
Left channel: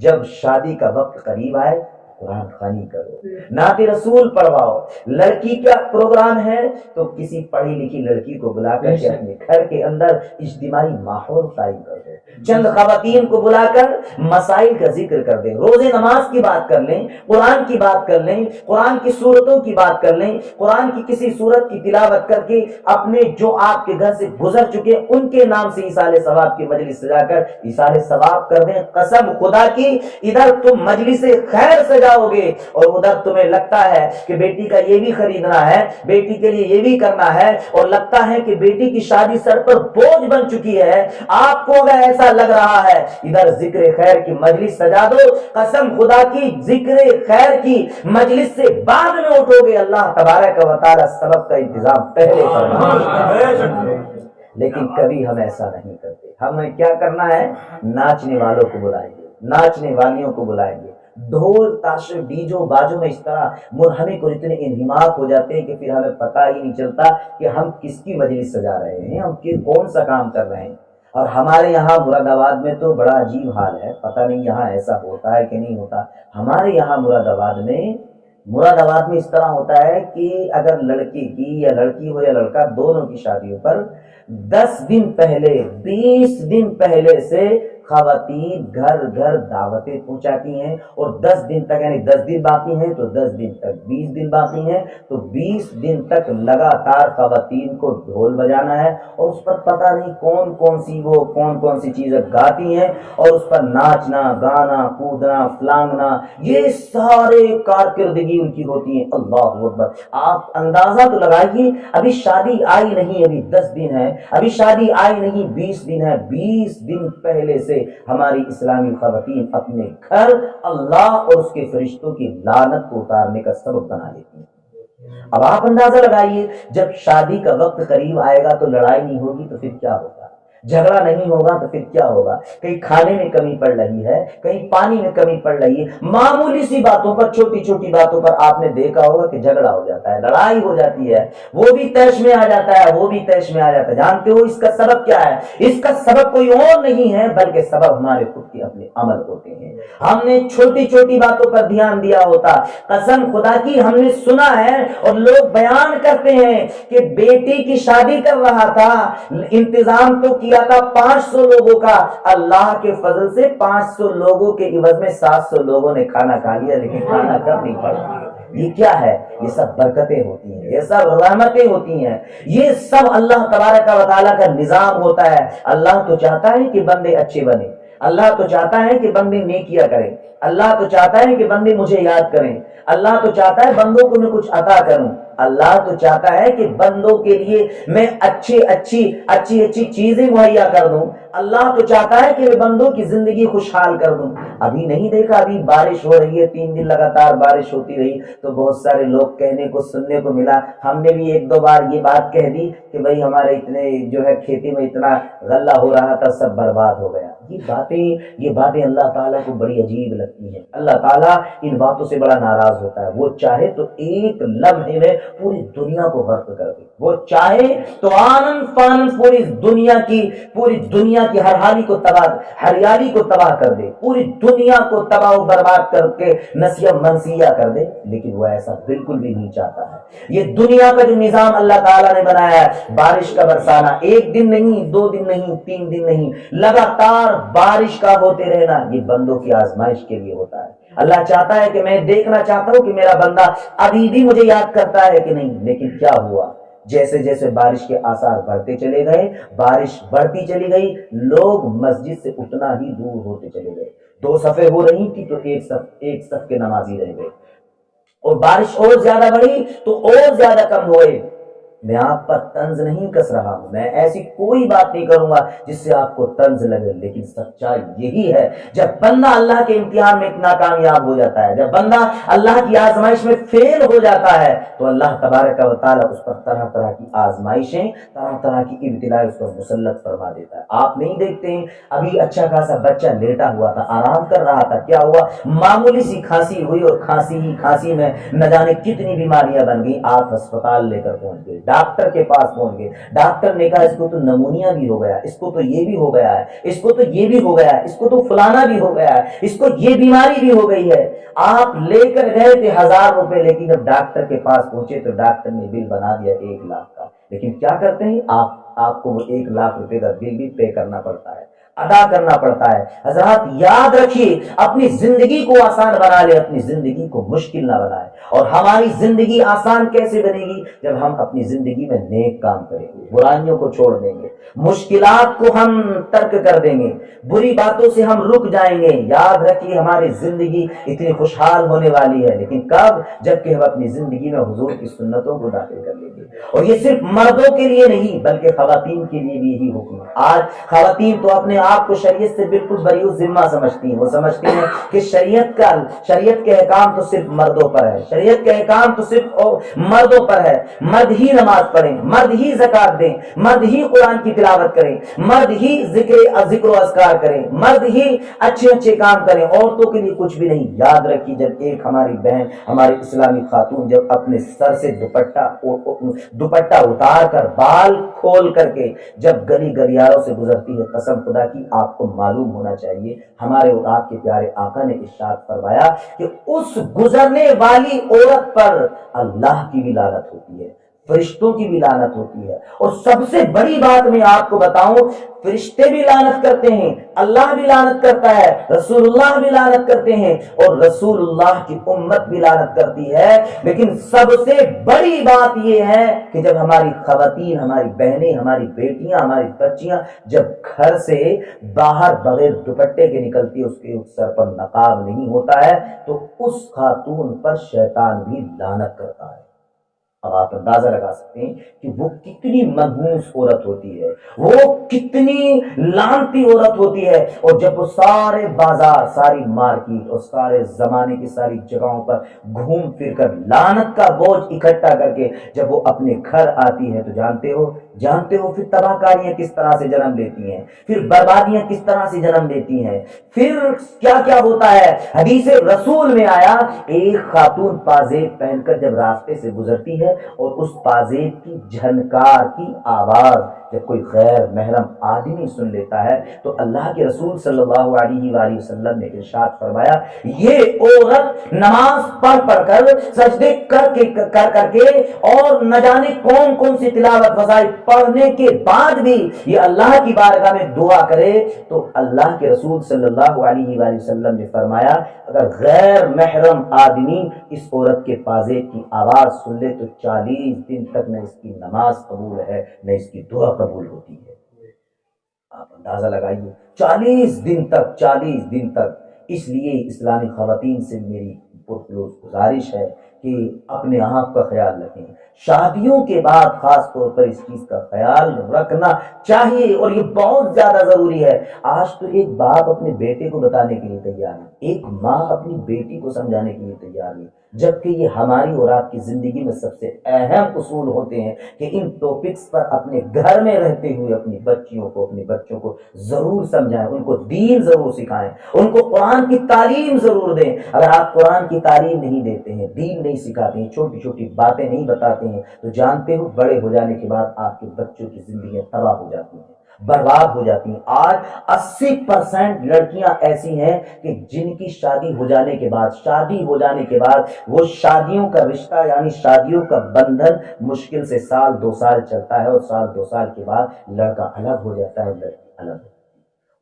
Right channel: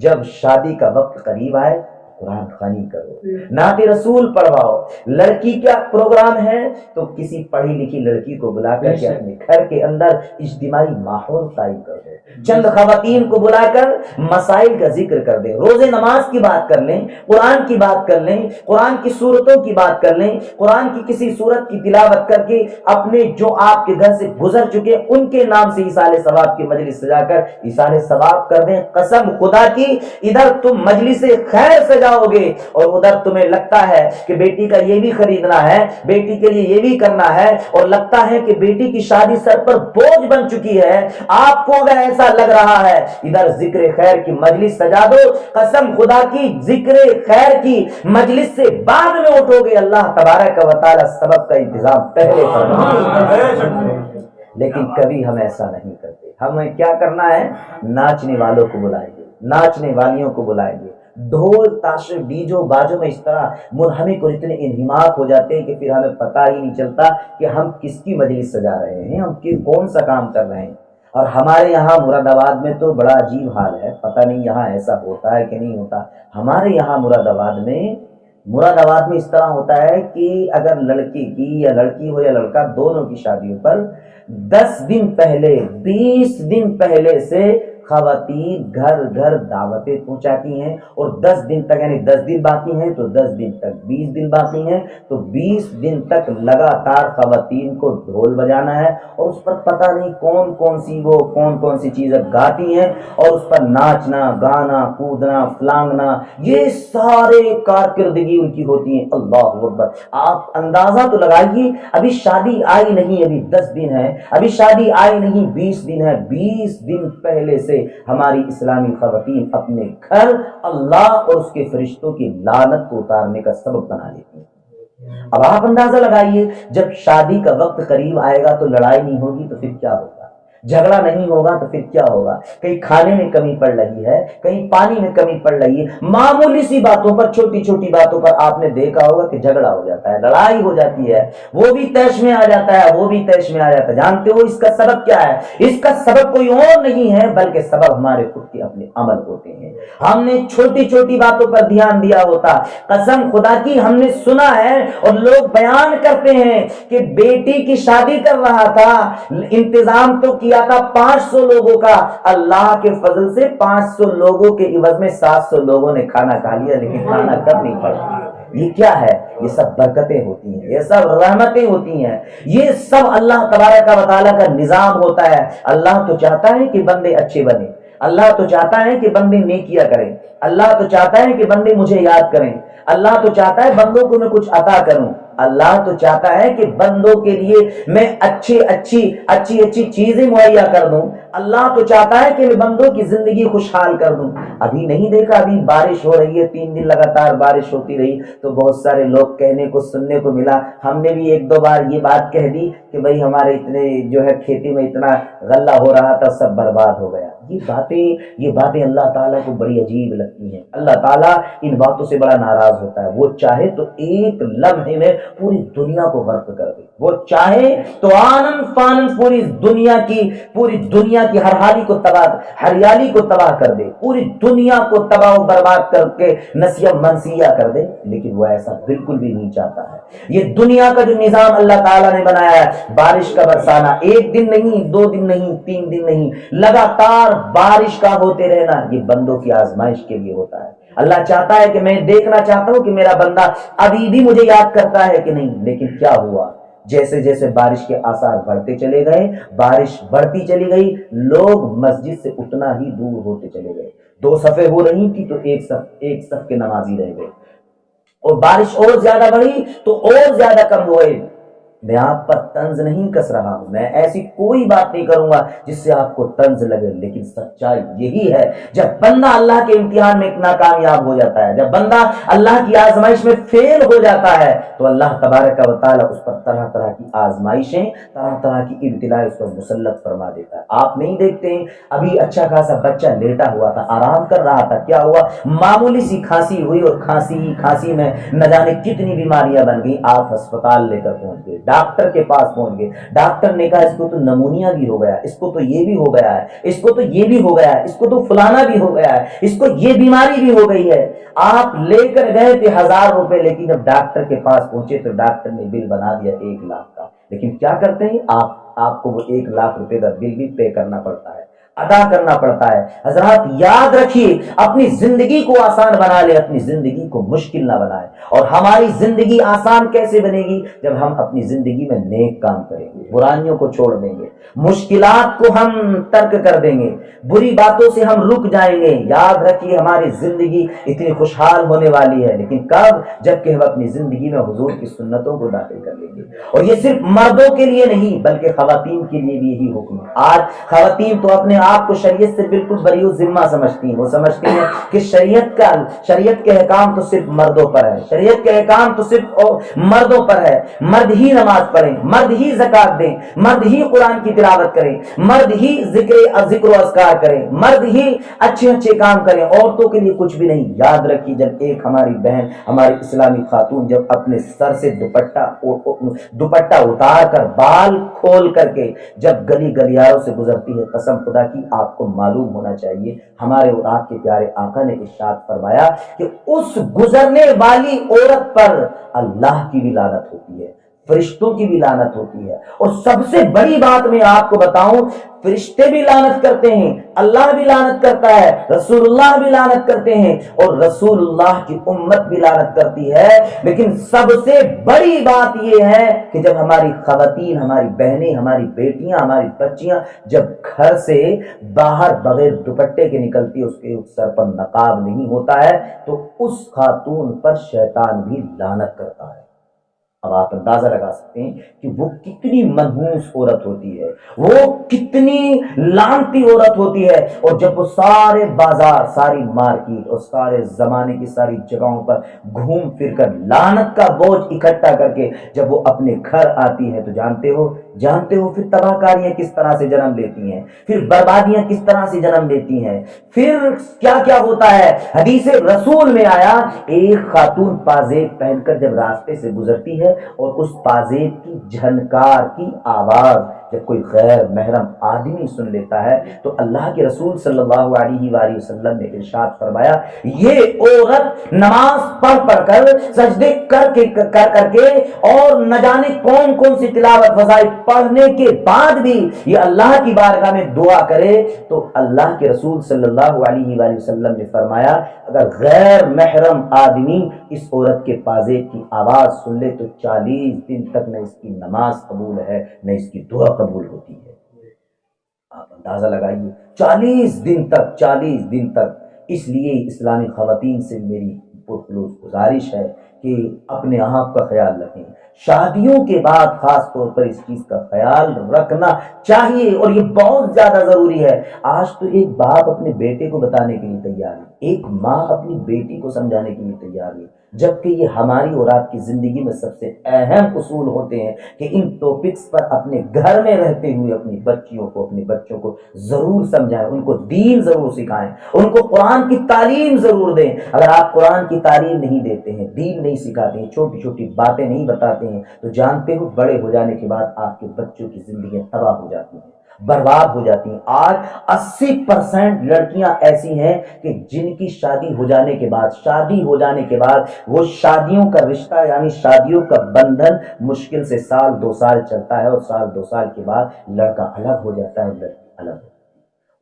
جب شادی کا وقت قریب آئے قرآن خوانی کرو، نعت رسول پڑھواؤ۔ لڑکی کا پروگرام ہے تو کسی پڑھی لکھی لڑکی کو بلا کر کے اپنے گھر کے اندر اجتماعی ماحول قائم کر دو، چند خواتین کو بلا کر مسائل کا ذکر کر دیں، روزے نماز کی بات کر لیں، قرآن کی بات کر لیں، قرآن کی صورتوں کی بات کر لیں، قرآن کی کسی صورت کی تلاوت کر کے اپنے جو آپ کے گھر سے گزر چکے ان کے نام سے ایصال ثواب کی مجلس سجا کر ایصال ثواب کر دیں۔ قسم خدا کی، ادھر تم مجلس خیر سجاؤ گے اور ادھر تمہیں لگتا ہے کہ بیٹی کا یہ بھی خریدنا ہے، بیٹی کے لیے یہ بھی کرنا ہے، اور لگتا ہے کہ بیٹی کی شادی سر پر بوجھ بن چکی ہے۔ آپ کو اگر ایسا لگ رہا ہے ادھر ذکر خیر کی مجلس سجا دو، قسم خدا کی ذکر خیر کی مجلس سے بعد میں اٹھو گے، اللہ تبارک و تعالی سبب کا انتظام پہلے فرمائے۔ لیکن کبھی ہم ایسا نہیں کرتے، ہمیں کیا کرنا ہے؟ ناچنے والوں کو بلائیں گے، ناچنے والیوں کو بلائیں گے، ڈھول تاشے ڈیجو باجوں میں اس طرح منہمک اور اتنے انہماک ہو جاتے ہیں کہ پھر ہمیں پتہ ہی نہیں چلتا کہ ہم کس کی مجلس سجا رہے ہیں، ہم کون سا کام کر رہے ہیں۔ اور ہمارے یہاں مراد آباد میں تو بڑا عجیب حال ہے، پتہ نہیں یہاں ایسا ہوتا ہے کہ نہیں ہوتا۔ ہمارے یہاں مراد آباد میں اس طرح ہوتا ہے کہ اگر لڑکی کی یا لڑکی ہو یا لڑکا دونوں کی شادیوں پر 10 دن پہلے 20 دن پہلے سے خواتین گھر گھر دعوتیں پہنچاتی ہیں، اور 10 دن تک، یعنی 10 دن باقی ہیں تو 10 دن تک، 20 دن باقی ہیں تو 20 دن تک لگاتار خواتین کو ڈھول بجانا ہے، اور اس پر پتہ نہیں کون کون سی چیزیں گاتی ہیں، اور اس پر ناچنا گانا کودنا فلانگنا، یہ سارے کارکردگی ان کی ہوتی ہیں۔ اللہ اکبر! آپ اندازہ تو لگائیے، ابھی شادی آئی نہیں، ابھی 10 دن ہے، ابھی شادی آئی نہیں 20 دن ہے، 20 دن پہلے سے ہماری اسلامی خواتین اپنے گھر اللہ اور اس کے فرشتوں کی لعنت کو اتارنے کا سبب بنا لیتی ہیں۔ اب آپ اندازہ لگائیے، جب شادی کا وقت قریب آئے گا تو لڑائی نہیں ہوگی تو پھر کیا ہوگا؟ جھگڑا نہیں ہوگا تو پھر کیا ہوگا؟ کہیں کھانے میں کمی پڑ رہی ہے، کہیں پانی میں کمی پڑ رہی ہے، معمولی سی باتوں پر، چھوٹی چھوٹی باتوں پر آپ نے دیکھا ہوگا کہ جھگڑا ہو جاتا ہے، لڑائی ہو جاتی ہے، وہ بھی طیش میں آ جاتا ہے، وہ بھی طیش میں آ جاتا ہے۔ جانتے ہو اس کا سبب کیا ہے؟ اس کا سبب کوئی اور نہیں ہے بلکہ سبب ہمارے خود کے اپنے عمل ہوتے ہیں۔ ہم نے چھوٹی چھوٹی باتوں پر دھیان دیا ہوتا، قسم خدا کی ہم نے سنا ہے، اور لوگ بیان کرتے ہیں کہ بیٹی کی شادی کر رہا تھا، انتظام تو کیا تھا 500 لوگوں کا، اللہ کے فضل سے 500 لوگوں کے عوض میں 700 لوگوں نے کھانا کھا لیا، لیکن کھانا کب نہیں پڑا۔ یہ کیا ہے؟ یہ سب برکتیں ہوتی ہیں، یہ سب رحمتیں ہوتی ہیں، یہ سب اللہ تبارک و تعالیٰ کا نظام ہوتا ہے۔ اللہ تو چاہتا ہے کہ بندے اچھے بنے، اللہ تو چاہتا ہے کہ بندے نیکیاں کریں، اللہ تو چاہتا ہے کہ بندے مجھے یاد کریں، اللہ تو چاہتا ہے بندوں کو میں کچھ عطا کروں، اللہ تو چاہتا ہے کہ بندوں کے لیے میں اچھی چیزیں مہیا کر دوں، اللہ تو چاہتا ہے کہ میں بندوں کی زندگی خوشحال کر دوں۔ ابھی نہیں دیکھا، ابھی بارش ہو رہی ہے، 3 دن لگاتار بارش ہوتی رہی تو بہت سارے لوگ کہنے کو سننے کو ملا، ہم نے بھی 1-2 بار یہ بات کہہ دی کہ بھئی ہمارے اتنے جو ہے کھیتی میں اتنا غلہ ہو رہا تھا، سب برباد ہو گیا۔ یہ باتیں اللہ تعالیٰ کو بڑی عجیب لگتی ہیں۔ اللہ تعالیٰ ان باتوں سے بڑا ناراض ہوتا ہے۔ وہ چاہے تو ایک لمحے میں پوری دنیا کو غرق کر دے، وہ چاہے تو آنن فانن پوری دنیا کی ہریالی کو تباہ کر دے، پوری دنیا کو تباہ و برباد کر کے نسیہ منسیہ کر دے، لیکن وہ ایسا بالکل بھی نہیں چاہتا ہے۔ یہ دنیا کا جو نظام اللہ تعالیٰ نے بنایا ہے، بارش کا برسانا، 1 دن نہیں، 2 دن نہیں، 3 دن نہیں، لگاتار بارش کا ہوتے رہنا، یہ بندوں کی آزمائش کے لیے ہوتا ہے۔ اللہ چاہتا ہے کہ میں دیکھنا چاہتا ہوں کہ میرا بندہ ابھی بھی مجھے یاد کرتا ہے کہ نہیں، لیکن کیا ہوا؟ جیسے جیسے بارش کے آثار بڑھتے چلے گئے، بارش بڑھتی چلی گئی، لوگ مسجد سے اتنا ہی دور ہوتے چلے گئے۔ 2 صفیں ہو رہی تھی تو ایک صف کے نمازی رہ گئے، اور بارش اور زیادہ بڑھی تو اور زیادہ کم ہوئے۔ میں آپ پر طنز نہیں کس رہا ہوں، میں ایسی کوئی بات نہیں کروں گا جس سے آپ کو طنز لگے، لیکن سچائی یہی ہے، جب بندہ اللہ کے امتحان میں ناکامیاب ہو جاتا ہے، جب بندہ اللہ کی آزمائش میں فیل ہو جاتا ہے، تو اللہ تبارک و تعالیٰ اس پر طرح طرح کی آزمائشیں، طرح طرح کی ابتلاء اس پر مسلط فرما دیتا ہے۔ آپ نہیں دیکھتے ہیں، ابھی اچھا خاصا بچہ لیٹا ہوا تھا، آرام کر رہا تھا، کیا ہوا؟ معمولی سی کھانسی ہوئی، اور کھانسی میں نہ جانے کتنی بیماریاں بن گئی۔ آپ ہسپتال لے کر پہنچ گئے، ڈاکٹر کے پاس پہنچ گئے، ڈاکٹر نے کہا اس کو تو نمونیا بھی ہو گیا، اس کو تو یہ بھی ہو گیا ہے، اس کو تو یہ بھی ہو گیا ہے، اس کو تو فلانا بھی ہو گیا ہے، اس کو یہ بیماری بھی ہو گئی ہے۔ آپ لے کر گئے تھے 1000 روپے، لیکن جب ڈاکٹر کے پاس پہنچے تو ڈاکٹر نے بل بنا دیا 1 لاکھ کا۔ لیکن کیا کرتے ہیں آپ کو وہ 1 لاکھ روپے کا بل بھی پے کرنا پڑتا ہے، ادا کرنا پڑتا ہے۔ حضرات یاد رکھیے، اپنی زندگی کو آسان بنا لے، اپنی زندگی کو مشکل نہ بنائے۔ اور ہماری زندگی آسان کیسے بنے گی؟ جب ہم اپنی زندگی میں نیک کام کریں گے، برائیوں کو چھوڑ دیں گے، مشکلات کو ہم ترک کر دیں گے، بری باتوں سے ہم رک جائیں گے۔ یاد رکھیے ہماری زندگی اتنی خوشحال ہونے والی ہے، لیکن کب؟ جبکہ ہم اپنی زندگی میں حضور کی سنتوں کو داخل کر لیں گے۔ اور یہ صرف مردوں کے لیے نہیں بلکہ خواتین کے لیے بھی یہی حکم ہے۔ آج خواتین تو اپنے آپ کو شریعت سے بالکل بری ذمہ سمجھتی ہیں، وہ سمجھتی ہیں کہ شریعت کے احکام تو صرف مردوں پر ہے، شریعت کے احکام تو صرف مردوں پر ہے، مرد ہی نماز پڑھیں، مرد ہی زکات دیں، مرد ہی قرآن کی تلاوت کریں، مرد ہی ذکر و اذکار کریں، مرد ہی اچھے کام کریں، عورتوں کے لیے کچھ بھی نہیں۔ یاد رکھیے، جب ایک ہماری بہن، ہماری اسلامی خاتون جب اپنے سر سے دوپٹہ اتار کر، بال کھول کر کے جب گلی گلیاروں سے گزرتی ہے، قسم خدا کی آپ کو معلوم ہونا چاہیے، ہمارے اور آپ کے پیارے آقا نے ارشاد فرمایا کہ اس گزرنے والی عورت پر اللہ کی بھی لعنت ہوتی ہے۔ فرشتوں کی بھی لعنت ہوتی ہے. اور سب سے بڑی بات میں آپ کو بتاؤں، فرشتے بھی لعنت کرتے ہیں، اللہ بھی لعنت کرتا ہے، رسول اللہ بھی لعنت کرتے ہیں، اور رسول اللہ کی امت بھی لعنت کرتی ہے. لیکن سب سے بڑی بات یہ ہے کہ جب ہماری خواتین، ہماری بہنیں، ہماری بیٹیاں، ہماری بچیاں جب گھر سے باہر بغیر دوپٹے کے نکلتی ہے، اس کے سر پر نقاب نہیں ہوتا ہے، تو اس خاتون پر شیطان بھی لعنت کرتا ہے. اب آپ اندازہ لگا سکتے ہیں کہ وہ کتنی منحوس عورت ہوتی ہے، وہ کتنی لعنتی عورت ہوتی ہے. اور جب وہ سارے بازار، ساری مارکیٹ اور سارے زمانے کی ساری جگہوں پر گھوم پھر کر لعنت کا بوجھ اکٹھا کر کے جب وہ اپنے گھر آتی ہے، تو جانتے ہو پھر تباہ کاریاں کس طرح سے جنم لیتی ہیں، پھر بربادیاں کس طرح سے جنم لیتی ہیں، پھر کیا کیا ہوتا ہے. حدیث رسول میں آیا، ایک خاتون پازیب پہن کر جب راستے سے گزرتی ہے اور اس پازیب کی جھنکار کی آواز جب کوئی غیر محرم آدمی سن لیتا ہے، تو اللہ کے رسول صلی اللہ علیہ وآلہ وسلم نے ارشاد فرمایا، یہ عورت نماز پڑھ کر سجدے کر کے اور نہ جانے کون کون سی تلاوت وظائف پڑھنے کے بعد بھی یہ اللہ کی بارگاہ میں دعا کرے، تو اللہ کے رسول صلی اللہ علیہ وآلہ وسلم نے فرمایا، اگر غیر محرم آدمی اس عورت کے پازیب کی آواز سن لے تو 40 دن تک نہ اس کی نماز قبول ہے، نہ اس کی دعا قبول ہوتی ہے. آپ اندازہ لگائیے، 40 دن تک. اس لیے اسلامی خواتین سے میری پرخلوص گزارش ہے کہ اپنے آپ کا خیال رکھیں. شادیوں کے بعد خاص طور پر اس چیز کا خیال رکھنا چاہیے، اور یہ بہت زیادہ ضروری ہے. آج تو ایک باپ اپنے بیٹے کو بتانے کے لیے تیار ہے، ایک ماں اپنی بیٹی کو سمجھانے کے لیے تیار ہے، جبکہ یہ ہماری اور آپ کی زندگی میں سب سے اہم اصول ہوتے ہیں کہ ان ٹاپکس پر اپنے گھر میں رہتے ہوئے اپنی بچیوں کو، اپنے بچوں کو ضرور سمجھائیں، ان کو دین ضرور سکھائیں، ان کو قرآن کی تعلیم ضرور دیں. اگر آپ قرآن کی تعلیم نہیں دیتے ہیں، دین نہیں سکھاتے ہیں، چھوٹی چھوٹی باتیں نہیں بتاتے ہیں، تو جانتے ہو بڑے ہو جانے کے بعد آپ کے بچوں کی زندگیاں تباہ ہو جاتی ہیں، برباد ہو جاتی ہیں. آج 80% لڑکیاں ایسی ہیں کہ جن کی شادی ہو جانے کے بعد وہ شادیوں کا رشتہ یعنی شادیوں کا بندھن مشکل سے 1-2 سال چلتا ہے، اور 1-2 سال کے بعد لڑکا الگ ہو جاتا ہے اور لڑکی الگ ہو جاتی ہے.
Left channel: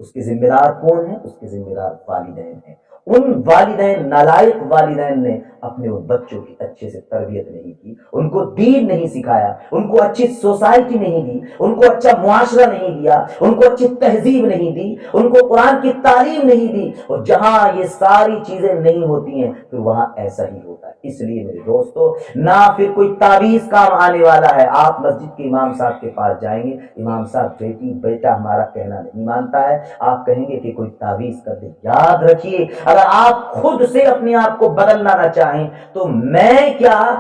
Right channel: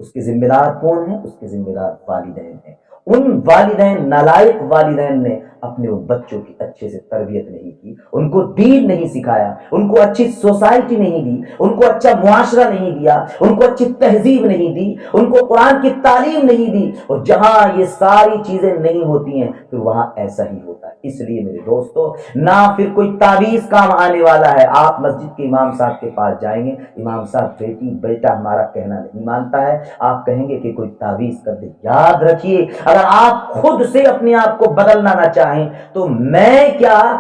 اس کے ذمہ دار کون ہیں؟ اس کے ذمہ دار والدین ہیں. ان والدین، نالائق والدین نے اپنے ان بچوں کی اچھے سے تربیت نہیں کی، ان کو دین نہیں سکھایا، ان کو اچھی سوسائٹی نہیں دی، ان کو اچھا معاشرہ نہیں دیا، ان کو اچھی تہذیب نہیں دی، ان کو قرآن کی تعلیم نہیں دی. اور جہاں یہ ساری چیزیں نہیں ہوتی ہیں پھر وہاں ایسا ہی ہوتا ہے. اس لیے میرے دوستو، نہ پھر کوئی تعویذ کام آنے والا ہے. آپ مسجد کے امام صاحب کے پاس جائیں گے، امام صاحب بیٹا ہمارا کہنا نہیں مانتا ہے، آپ کہیں گے کہ کوئی تعویذ کر دے. یاد رکھیے، اگر آپ خود سے اپنے آپ کو بدلنا نہ چاہیں تو میں کیا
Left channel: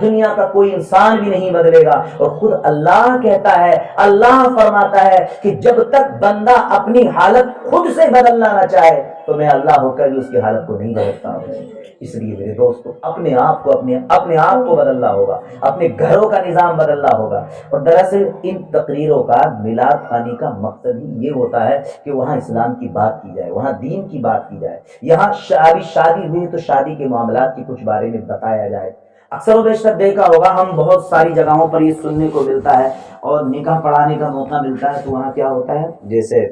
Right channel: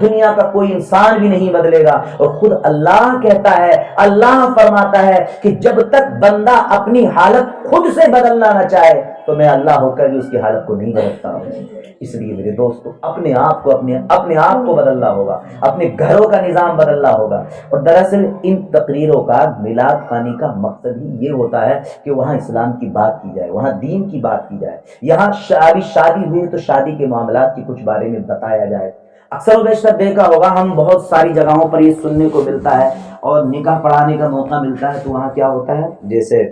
دنیا کا کوئی انسان بھی نہیں بدلے گا. اور خود اللہ کہتا ہے، اللہ فرماتا ہے کہ جب تک بندہ اپنی حالت خود سے بدلنا نہ چاہے تو میں اللہ ہو کر بھی اس کی حالت کو نہیں بدلتا ہوں. اس لیے میرے دوستو، اپنے آپ کو بدلنا ہوگا، اپنے گھروں کا نظام بدلنا ہوگا. اور دراصل ان تقریروں کا، میلاد خانی کا مقصد ہی یہ ہوتا ہے کہ وہاں اسلام کی بات کی جائے، وہاں دین کی بات کی جائے. یہاں شادی ہوئی تو شادی کے معاملات کی کچھ بارے میں بتایا جائے. اکثر و بیشتر دیکھا ہوگا، ہم بہت ساری جگہوں پر یہ سننے کو ملتا ہے اور نکاح پڑھانے کا موقع ملتا ہے تو وہاں کیا ہوتا ہے، جیسے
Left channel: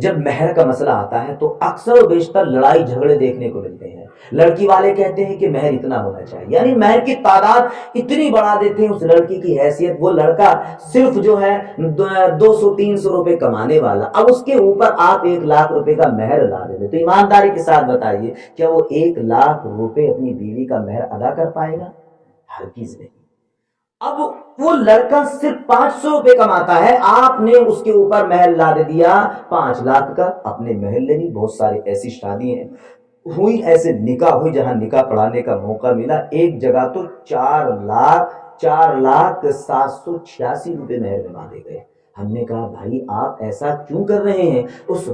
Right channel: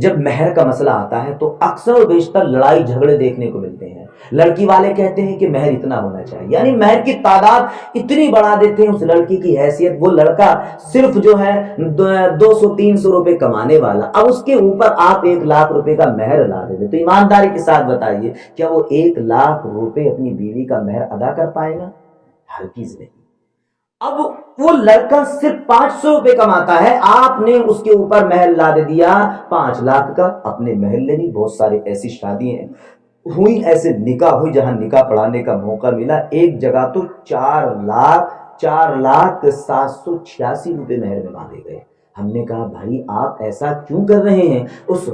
جب مہر کا مسئلہ آتا ہے تو اکثر و بیشتر لڑائی جھگڑے دیکھنے کو ملتے ہیں. لڑکی والے کہتے ہیں کہ مہر اتنا ہونا چاہیے، یعنی مہر کی تعداد اتنی بڑھا دیتے ہیں اس لڑکی کی حیثیت. وہ لڑکا صرف جو ہے 200-300 روپے کمانے والا، اب اس کے اوپر آپ 1 لاکھ روپے کا مہر لا دے. تو ایمانداری کے ساتھ بتائیے، کیا وہ 1 لاکھ روپے اپنی بیوی کا مہر ادا کر پائے گا؟ ہرگز نہیں. اب وہ لڑکا صرف 500 روپے کماتا ہے، آپ نے اس کے اوپر مہر لا دے دیا 5 لاکھ کا. اپنے محلے میں بہت سارے ایسی شادیاں ہوئی، ایسے نکاح ہوئی جہاں نکاح پڑھانے کا موقع ملا، ایک جگہ تو 4,786 روپے مہر میں باندھے گئے. ہم نے کہا بھائی آپ ایسا کیوں کر رہے ہیں؟ اس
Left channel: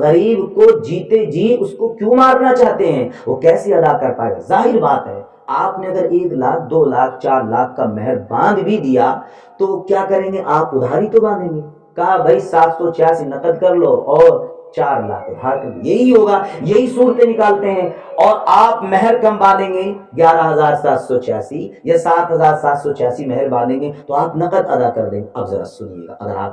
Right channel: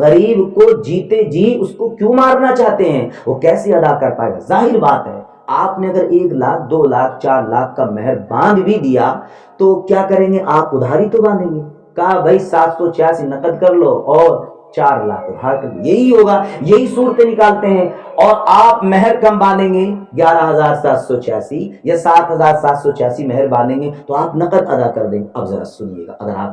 غریب کو جیتے جی اس کو کیوں مارنا چاہتے ہیں؟ وہ کیسے ادا کر پائے گا؟ ظاہر بات ہے، آپ نے اگر 1 لاکھ 2 لاکھ 4 لاکھ کا مہر باندھ بھی دیا تو کیا کریں گے؟ آپ ادھاری تو باندھیں گے. کہا بھائی 786 نقد کر لو اور 4 لاکھ ادھار کر دیں، یہی ہوگا، یہی صورتیں نکالتے ہیں۔ اور آپ مہر کم باندھیں گے 11,786 یا 7,786 مہر باندھیں گے تو آپ نقد ادا کر دیں گے۔ اب ذرا سنیے گا، اگر آپ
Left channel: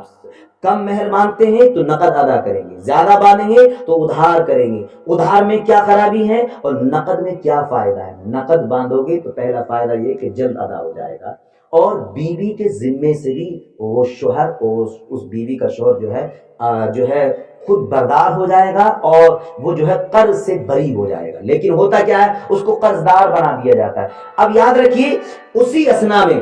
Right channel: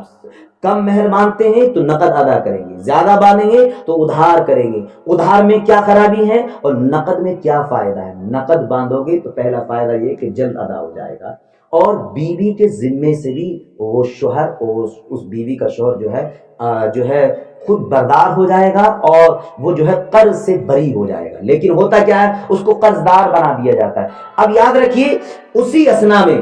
کم مہر باندھتے ہیں تو نقد ادا کریں گے، زیادہ باندھیں گے تو ادھار کریں گے۔ ادھار میں کیا خرابی ہے اور نقد میں کیا فائدہ ہے؟ نقد باندھو گے تو پہلا فائدہ یہ کہ جلد ادا ہو جائے گا، اور بیوی کے ذمے سے بھی وہ شوہر، اس بیوی کا شوہر جو ہے خود بردار ہو جائے گا، اور وہ جو ہے قرض سے بری ہو جائے گا۔ لیکن ہوتا کیا ہے، اس کو قرض دار بنا دیا جاتا ہے۔ اب یاد رکھیے، اسی اثنا میں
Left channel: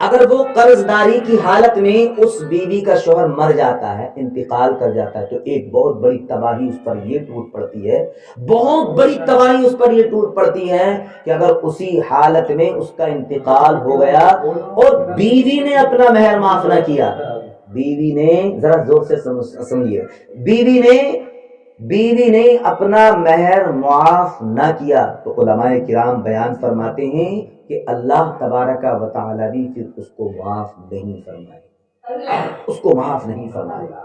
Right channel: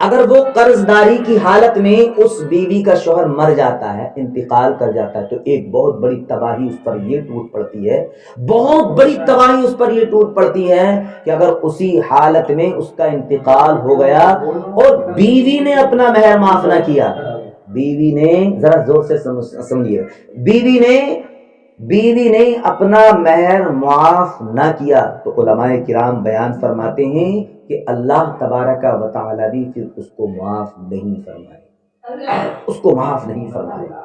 اگر وہ قرض داری کی حالت میں اس بیوی کا شوہر مر جاتا ہے، انتقال کر جاتا ہے، تو ایک بہت بڑی تباہی اس پر یہ ٹوٹ پڑتی ہے، بہت بڑی تباہی اس پر یہ ٹوٹ پڑتی ہے کہ اگر اسی حالت میں اس کا انتقال ہو گیا اور بیوی نے اپنا مہر معاف نہ کیا، بیوی نے، ذرا زور سے سمجھیے، بیوی نے اپنا مہر معاف نہ کیا تو علماء کرام بیان فرماتے ہیں کہ اللہ تبارک و تعالی بھی پھر اس کو معاف نہیں فرمائے، اس کو معاف نہیں فرمائے گا۔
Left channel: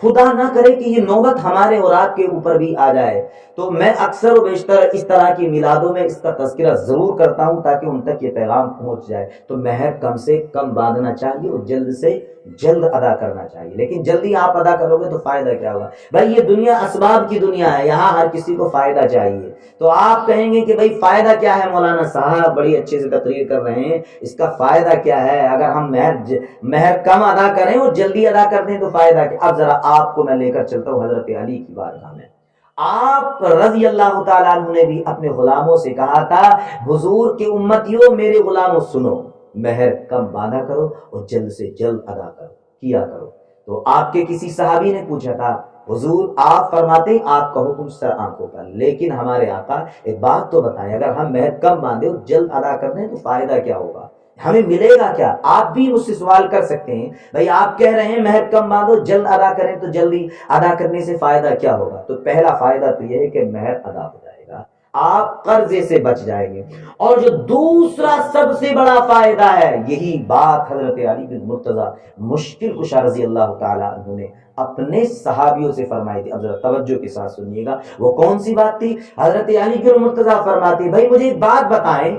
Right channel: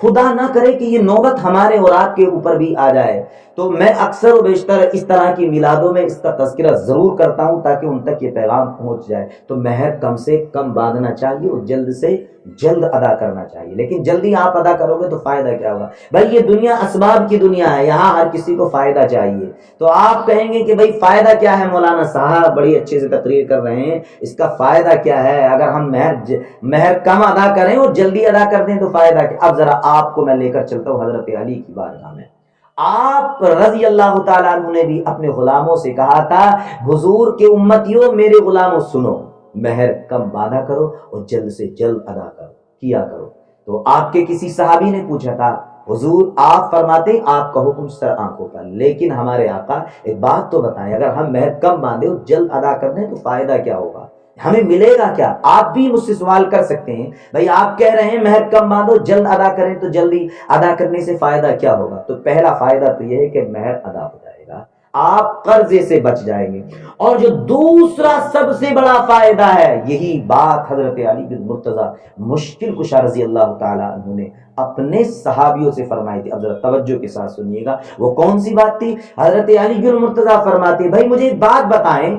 خدا نہ کرے کہ یہ نوبت ہمارے اور آپ کے اوپر بھی آ جائے، تو میں اکثر و بیشتر اس طرح کی میلادوں میں اس کا تذکرہ ضرور کرتا ہوں تاکہ ان تک یہ پیغام پہنچ جائے۔ تو مہر کم سے کم باندھنا چاہیے اور جلد سے جلد ادا کرنا چاہیے، لیکن جلدی آپ ادا کرو گے تو فائدہ کیا ہوگا؟ بھائی یہ دنیا اسباب کی دنیا ہے، یہاں ہر کسی کو فائدہ چاہیے۔ تو آپ کہیں گے کہ بھائی فائدہ کیا ہے؟ مولانا صاحب بڑی اچھے سے تقریر کر رہے ہیں، اس کا فائدہ کیا ہے؟ اگر ہم مہر کم ادا کریں اور جلدی ادا کر دیں تو فائدہ کیا؟ اب ذرا آپ کو میں لے کر چلتا ہوں حضرت علی کی بارگاہ میں۔ آپ رضی اللہ تعالیٰ عنہ نے بھی اپنے غلاموں سے کہا تھا، حضور کے امتیوں، میرے غلاموں سنو، مہر کم باندھا کرو اور جلد سے جلد ادا کیا کرو۔ تو آپ کے کسی صحابی نے پوچھا تھا، حضور آپ فرماتے آپ کا حکم سر آنکھوں پر، لیکن ہمارے آقا ایک بات تو بتائیں، اگر ہم مہر کم باندھے اور جلد ادا کر دیں تو فائدہ کیا ہوگا؟ ہمیں ملے گا کیا؟ آپ بھی مجھ سے سوال کر سکتے ہیں، بھائی آپ کہہ رہے ہیں مہر کم باندھو جلد ادا کریں، تو جلدی ادا کرنے سے فائدہ کیا ہوگا؟ تو پہلا فائدہ تو یہ ہے کہ مہر ادا ہو جائے گا، آپ قرضے سے بچ جائیں گے۔ اور جو دوسرا سب سے بڑا فائدہ ہے، یہی بات حضرت علی بن مرتضیٰ مشکل کشا رضی اللہ تعالیٰ عنہ نے اپنے صحابیوں سے فرمائی تھی۔ اب ذرا توجہ کے ساتھ سنیے گا، وہ کون سی بات تھی؟ حضرت علی بن مرتضیٰ فرماتے، بھائی مجھے ایک بات بتائیں،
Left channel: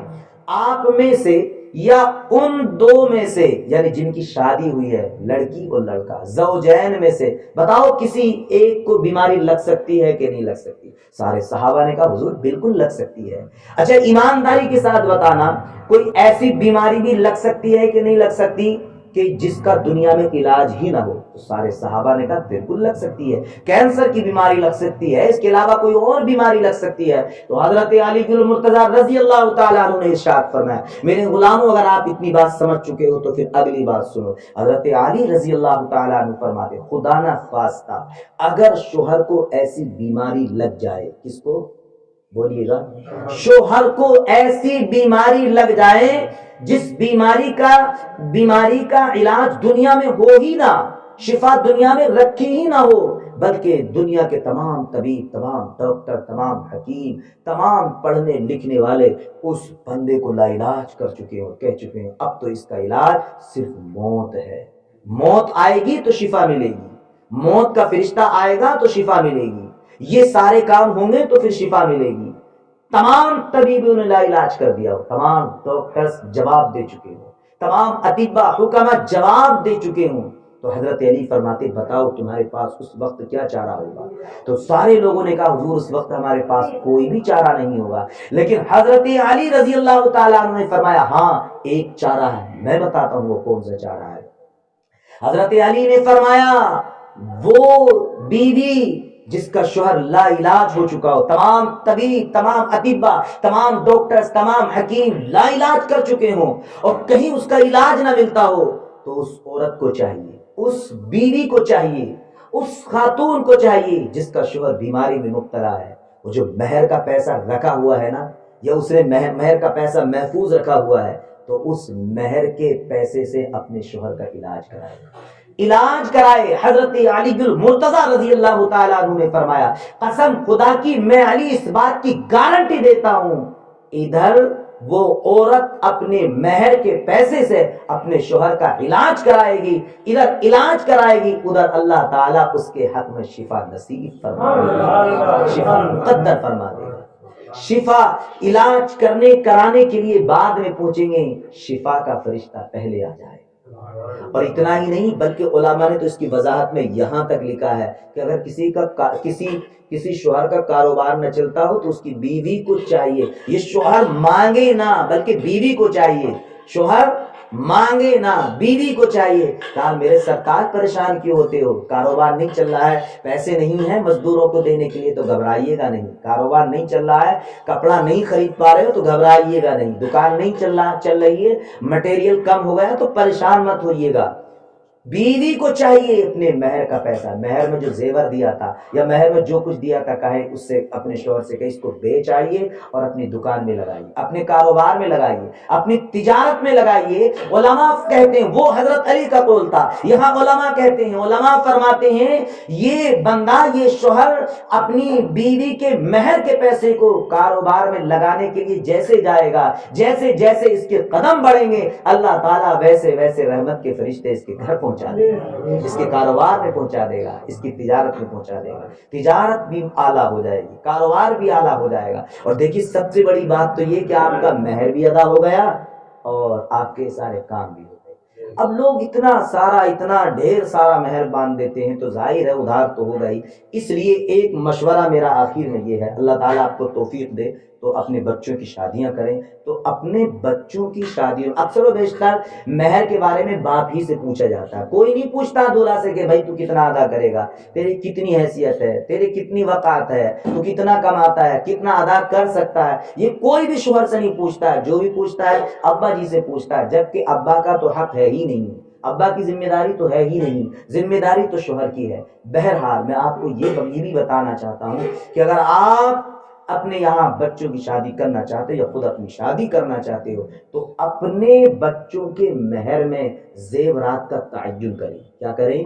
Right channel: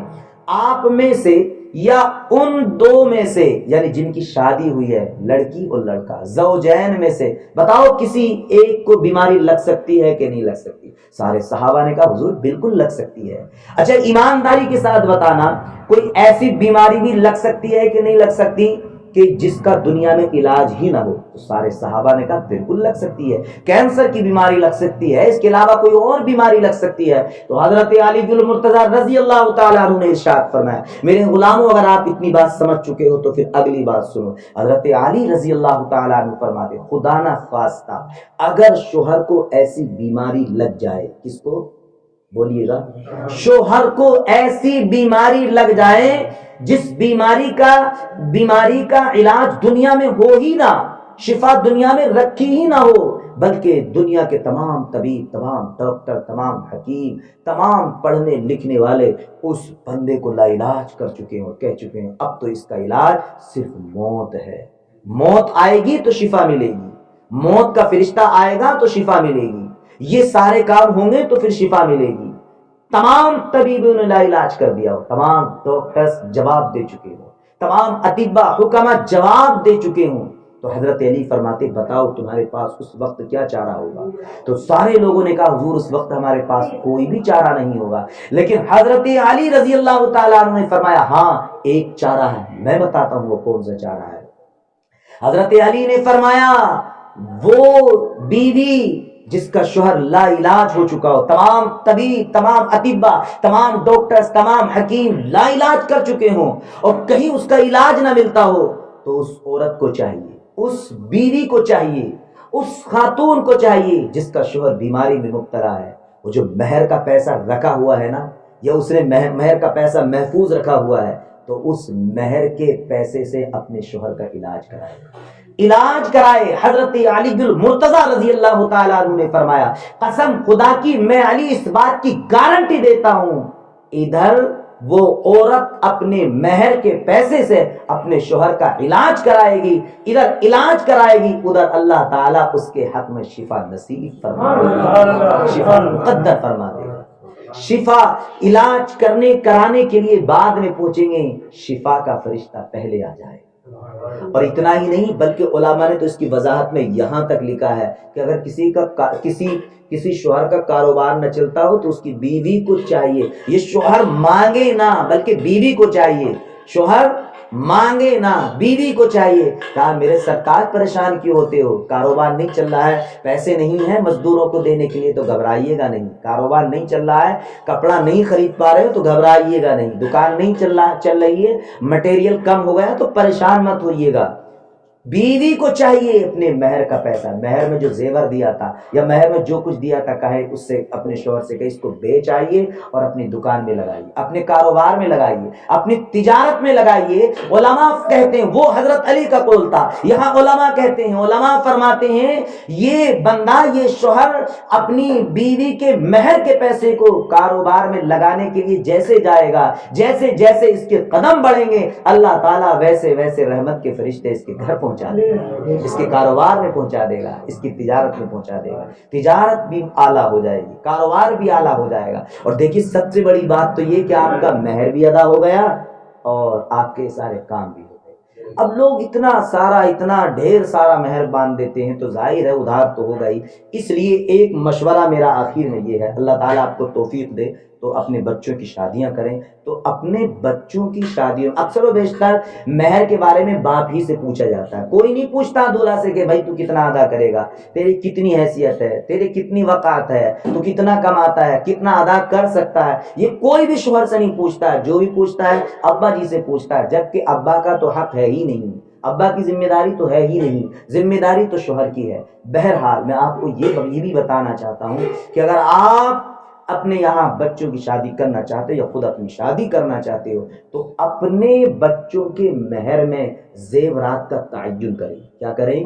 آپ میں سے یا ان دو میں سے، یعنی جن کی شادی ہوئی ہے لڑکی اور لڑکا، زوجین میں سے بتاؤ کسی ایک کو بیماری لگ سکتی ہے کہ نہیں لگ سکتی؟ سارے صحابہ نے کہا حضور بالکل لگ سکتی ہے۔ اچھا ایمانداری کے ساتھ بتانا، کوئی ایسی بیماری بھی لگ سکتی ہے کہ نہیں لگ سکتی کہ جس کا دنیا میں علاج ہی نہ ہو؟ تو سارے صحابہ نے کہا بالکل لگ سکتی ہے، کینسر کی بیماری لگ سکتی ہے، اس کے علاوہ کوئی اور بیماری لگ سکتی ہے۔ تو حضرت علی بن مرتضیٰ رضی اللہ تعالیٰ عنہ نے ارشاد فرمایا، میرے غلاموں اگر آپ اتنی بات سمجھ چکے ہو تو پھر اگلی بات سنو۔ حضرت علی رضی اللہ تعالیٰ عنہ فرماتے، خدا نہ خواستہ اگر شوہر کو ایسی بیماری لگ جائے، کس کو بولیے گا؟ شوہر کو ایسی بیماری لگ جائے جس بیماری کا علاج دنیا میں ہو ہی نہ، شفا دنیا میں رکھی ہی نہ ہو، بلکہ دنیا کے تمام طبیب، تمام ڈاکٹر، تمام حکیم، تمام پڑھنے لکھنے والے اس بندے کو لا علاج کر چکے ہیں اور کہہ چکے ہیں اب تو اس کا علاج صرف موت ہے، موت آئے گی تو شفا ملے گی، موت کا فرشتہ آئے گا تو شفا ملے گی، یہ سارے کام ہوں گے تو پھر شفا ملے گی۔ تمام طبیبوں نے لا علاج کر دیا ہو، تمام ڈاکٹرز جواب دے چکے ہوں، تمام اطباء حکما جواب دے چکے ہوں، تو حضرت علی فرماتے بتاؤ تمہارے پاس اس وقت کیا چارہ ہوگا؟ تو سارے لوگوں نے کہا حضور اس وقت ہمارے پاس کوئی بھی چارہ نہیں ہوگا، لیکن حضرت علی رضی اللہ تعالیٰ عنہ نے فرمایا ہاں ایک چارہ ہے، میں بتاتا ہوں وہ کون سا چارہ ہے۔ حضرت علی نے فرمایا وہ بیوی جس کا شوہر لا علاج ہو چکا ہو، تمام طبیب، تمام اطباء، تمام ڈاکٹرز، تمام حکیم لا علاج کر چکے ہوں اور کہیں اس کا علاج نہ ملتا ہو، تو اس عورت کو چاہیے، اس بیوی کو چاہیے، اس خاتون کو چاہیے جس کا شوہر بیماری میں مبتلا ہے، وہ جو مہر کا پیسہ رکھا ہوا ہے نا، یا اس نے مہر کا پیسہ محفوظ رکھا ہوا ہے، تو اس مہر کے پیسے سے اپنے شوہر کا علاج کرائے۔ حضرت علی بن مرتضیٰ رضی اللہ تعالیٰ عنہ نے فرمایا قسم خدا کی میں علی اس بات کی گارنٹی دیتا ہوں، ادھر وہ عورت اپنے مہر کے پیسے سے اپنے شوہر کا علاج کرائے گی، ادھر علاج کرائے گی، ادھر اللہ تعالیٰ اس کے حق میں شفا نصیب فرما دے گا، شفا مقدر فرما دے گا۔ شفا علاج کرانے کے لیے بعد میں پہنچیں گے، شفا کا فرشتہ پہلے آ جائے گا۔ اور اتنا ہی نہیں بلکہ علماء نے تو اس کی وضاحت میں یہاں تک لکھا ہے کہ اگر کسی شوہر کا کاروبار نہ چلتا ہو تو اس کی بیوی کو چاہیے، یہ شوہر مانگے نہ بلکہ بیوی کو چاہیے، شوہر مانگے نہ بیوی کو چاہیے۔ کہا میرے سرتاج پریشان کیوں ہوتے ہو، کاروبار نہیں چل رہا ہے، پیسے نہیں ہیں مزدوروں کو دینے کے لیے تو گھبرائیے گا نہیں، کاروبار نہیں چل رہا ہے، کپڑا نہیں خرید پا رہے ہو تو گھبرائیے گا نہیں، دکان نہیں چل رہی ہے، مٹیریل کم ہو گیا تو پریشان مت ہوئیے گا۔ بیوی کو چاہیے اپنے مہر کا پیسہ، مہر میں جو زیور دیا تھا یا مہر میں جو کچھ دیا تھا، کہے اس سے اپنے شوہر سے کہ اس کو بیچ آئیے اور اپنی دکان میں لگائیے، اپنے کاروبار میں لگائیے، اپنی تجارت میں لگائیے۔ علماء کہتے ہیں، وہ حضرت علی کا قول تھا، یہاں علماء کہتے ہیں، علماء فرماتے ہیں یہ بندہ، یہ شوہر اپنی بیوی کے مہر کے پیسے کو کاروبار میں لگانے کے لیے جیسے جائے گا، جیسے جیسے اس کے قدم بڑھیں گے، اللہ تعالیٰ ویسے ویسے رحمت کے فرشتے اس کے گھر پہنچا دے گا، اس کے کاروبار میں پہنچا دے گا، اس کی تجارت میں پہنچا دے گا، تجارت بھی اعلیٰ ہو جائے گی، کاروبار بھی اعلیٰ ہو جائے گا۔ اور دیکھیے سب سے بڑی بات تو یہ کہ آپ کا مہر بھی ادا ہو گیا اور آپ کے سارے کام بھی ہو گئے۔ اب لوگ اتنا ڈھیر سارا مہر باندھ دیتے ہیں تو ظاہر ہے ادھار تو ہوگا ہی۔ اس لیے ایک مشورہ میرا آخر میں یہ ہے، اللہ تعالیٰ آپ کو توفیق دے تو اپنے بچوں کی شادیاں کریں، تو اپنے بچوں کی شادیوں اکثر و بیشتر مہر کے بارے میں باپ ہی سے پوچھا جاتا ہے، کوئی نہیں پوچھتا دولہا سے کہ بھائی تو کتنا ادا کرے گا، تیری کتنی حیثیت ہے، تیری کتنی وقعت ہے، تو کتنا کماتا ہے، کتنا ادا کر سکتا ہے، یہ کوئی بھی شوہر سے نہیں پوچھتا ہے۔ جو بھی پوچھتا ہے ابا جی سے پوچھتا ہے، جبکہ ابا کا تو حق ہے ہی نہیں، ابا کی ذمہ داری تو ہے ہی نہیں، ذمہ داری تو شوہر کی ہے۔ بہرحال میں آپ کو یہ بھی بتانا چاہتا ہوں کہ اگر آپ اپنے یہاں بچوں کی شادی کرنا چاہتے ہو یا خود اپنی شادی کرنا چاہتے ہو تو اپنے بچوں کے مہر میں زیورات کا تعین کریں۔ کیا کریں؟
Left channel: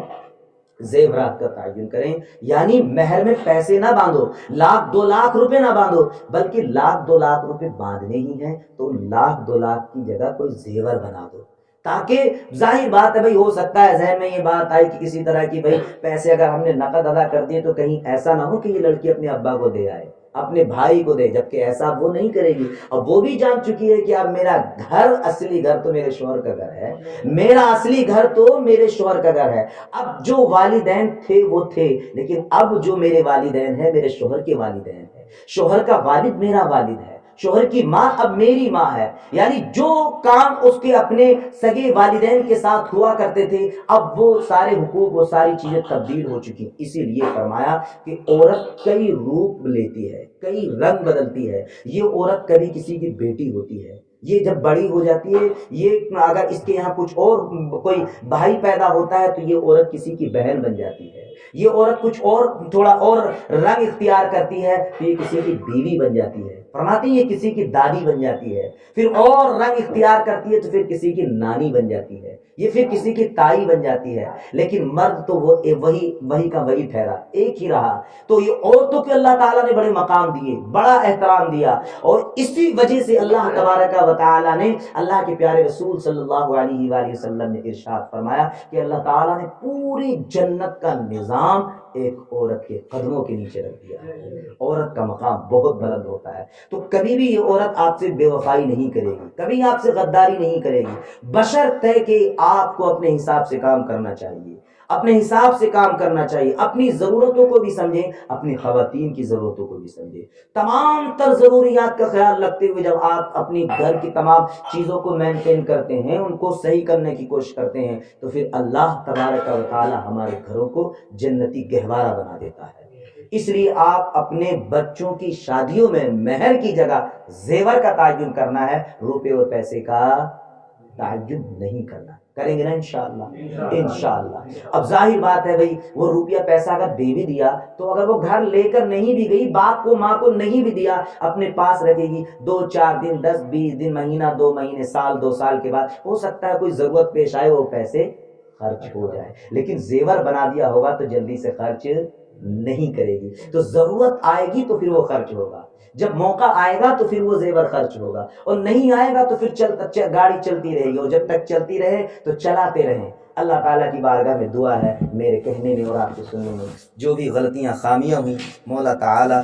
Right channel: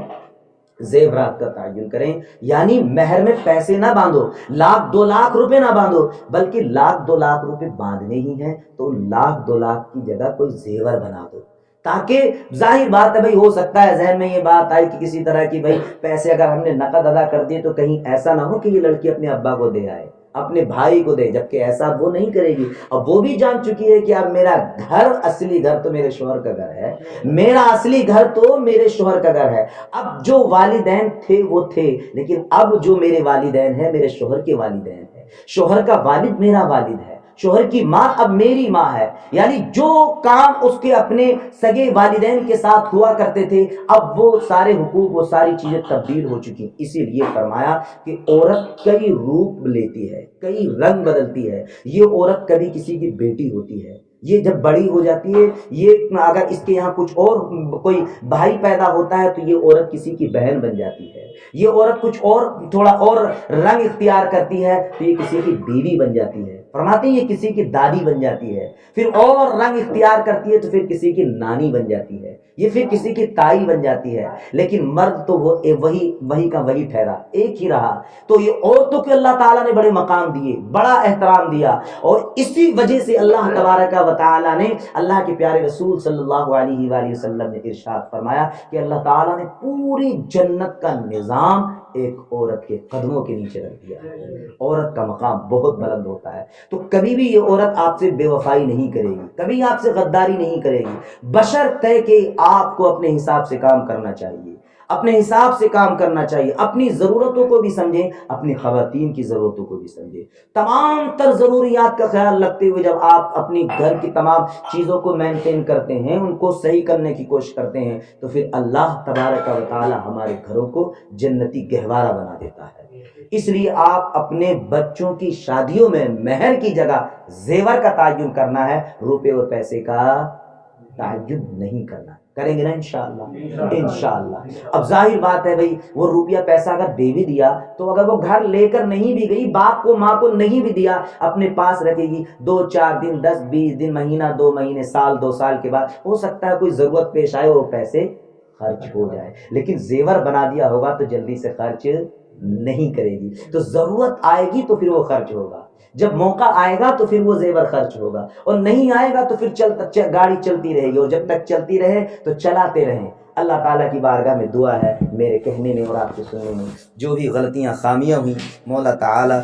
زیورات کا تعین کریں، یعنی مہر میں پیسے نہ باندھو، 1,00,000-2,00,000 روپے نہ باندھو، بلکہ 1,00,000-2,00,000 روپے باندھنے ہی ہیں تو 1,00,000-2,00,000 کی جگہ کوئی زیور بنا دو، تاکہ ظاہر بات ہے بھائی، ہو سکتا ہے ذہن میں یہ بات آئی کہ کسی طرح کی بھائی پیسے اگر ہم نے نقد ادا کر دیے تو کہیں ایسا نہ ہو کہ یہ لڑکی اپنے ابا کو دے آئے، اپنے بھائی کو دے، جبکہ ایسا وہ نہیں کرے گی۔ اب وہ بھی جان چکی ہے کہ اب میرا گھر، اصلی گھر تو میرے شوہر کا گھر ہے، میرا اصلی گھر تو میرے شوہر کا گھر ہے۔ اب جو والدین تھے وہ تھے، لیکن اب جو میرے والدین ہیں میرے شوہر کے والدین ہیں، شوہر کا والد میرا والد ہے، شوہر کی ماں اب میری ماں ہے، یعنی جو کام اس کے اپنے سگے والدین کے ساتھ ہوا کرتے تھے اب وہ سارے حقوق، وہ ساری چیزیں تبدیل ہو چکی ہیں۔ اسی لیے فرمایا کہ عورت کئی روپ لیتی ہے، کئی رنگ بدلتی ہے۔ یہ عورت کبھی کسی کی بیٹی ہوتی ہے، یہ جب بڑی ہو جاتی ہے، یہ اگر اس کے یہاں کچھ اور کوئی بھائی پیدا ہوتا ہے تو یہ عورت کسی کی بہن بن جاتی ہے، یہ عورت کچھ اور تھوڑا اور رنگ اختیار کرتی ہے تو یہ کسی کی بیوی بن جاتی ہے، فرماتے ہیں یہ کسی کی دادی بن جاتی ہے، پھر اور رنگ اختیار کرتی ہے تو پھر کسی کی نانی بن جاتی ہے، یہ پھر کسی کی تائی بن جاتی ہے۔ لیکن مرد تو وہ وہی کا وہی ٹھہرا، ایک ہی رہا۔ تو یہ عورتوں کو اللہ تعالیٰ نے بڑے مقام دیے، بڑا احترام دیا، اور اسی وجہ سے اللہ تبارک و تعالیٰ نے، اللہ کے پیارے رسول صلی اللہ علیہ وآلہ وسلم نے ارشاد فرمایا کہ اللہ تعالیٰ نے پوری جنت کا نظام ایک عورت کے قدموں کے نیچے رکھ دیا۔ عورت کا مقام بہت بلند ہوتا ہے، تو کبھی بھی یہ عورت آپ سے بے وفائی نہیں کرے گی، کبھی آپ سے غداری نہیں کرے گی، بشرطے کہ آپ کو اپنے حساب سے کام کرنا چاہیے، اپنے حساب سے کام کرنا چاہیے، اپنی ضرورتوں کو بھی سمجھیں، اپنی خواتین کی ضرورتوں کو بھی سمجھیں، تمام تر ضروریات کا خیال رکھتے ہوئے جب آپ اپنی گھر کی تمام چیزوں کو مینٹین کرتے ہیں، ان کو صحیح کرنے کی کوشش کرتے ہیں، تو پھر اللہ تبارک و تعالی ہمارے گھروں کو جنتی گہوارہ بنا دیتا ہے۔ اس لیے آپ اپنے بچوں کی شادیوں میں مہر کی جگہ زیور کا تعین کرنا ہے، روپے اور پیسے کا تعین نہیں کرنا۔ کریں گے نا انشاءاللہ؟ انشاءاللہ۔ اب ظاہر بات ہے بھائی، وہ روپیہ پیسہ اگر دے بھی دیا تو اگر وہ گھر لے کر نہیں بھی گئی، باپ کو ماں کو نہیں بھی دیا، اپنے پاس رکھے گی، 2-4 دن، 10-20 دن، مہینہ 2 مہینے، سال 2 سال کے بعد ہو سکتا ہے کوئی ضرورت پیش آئے، وہ پیسے خرچ ہو جائے، لیکن زیور بنا دیا ہوگا تو جلدی سے خرچ نہیں کرے گی۔ تو ضرورت آئے گی تو پھر وہ خرچ ہوگا، جب موقع آئے گا تو پھر وہ زیور خرچ ہوگا، اور نہیں آئے گا تو پھر گاڑی چلتی رہے گی، اور جب تک چلتی رہے تو چلاتے رہیں۔ اللہ تعالیٰ کی بارگاہ میں دعا ہے، میرے کہنے میں اور آپ کے سننے میں جو بھی غلطیاں خامیاں ہوئیں، مولا تعالیٰ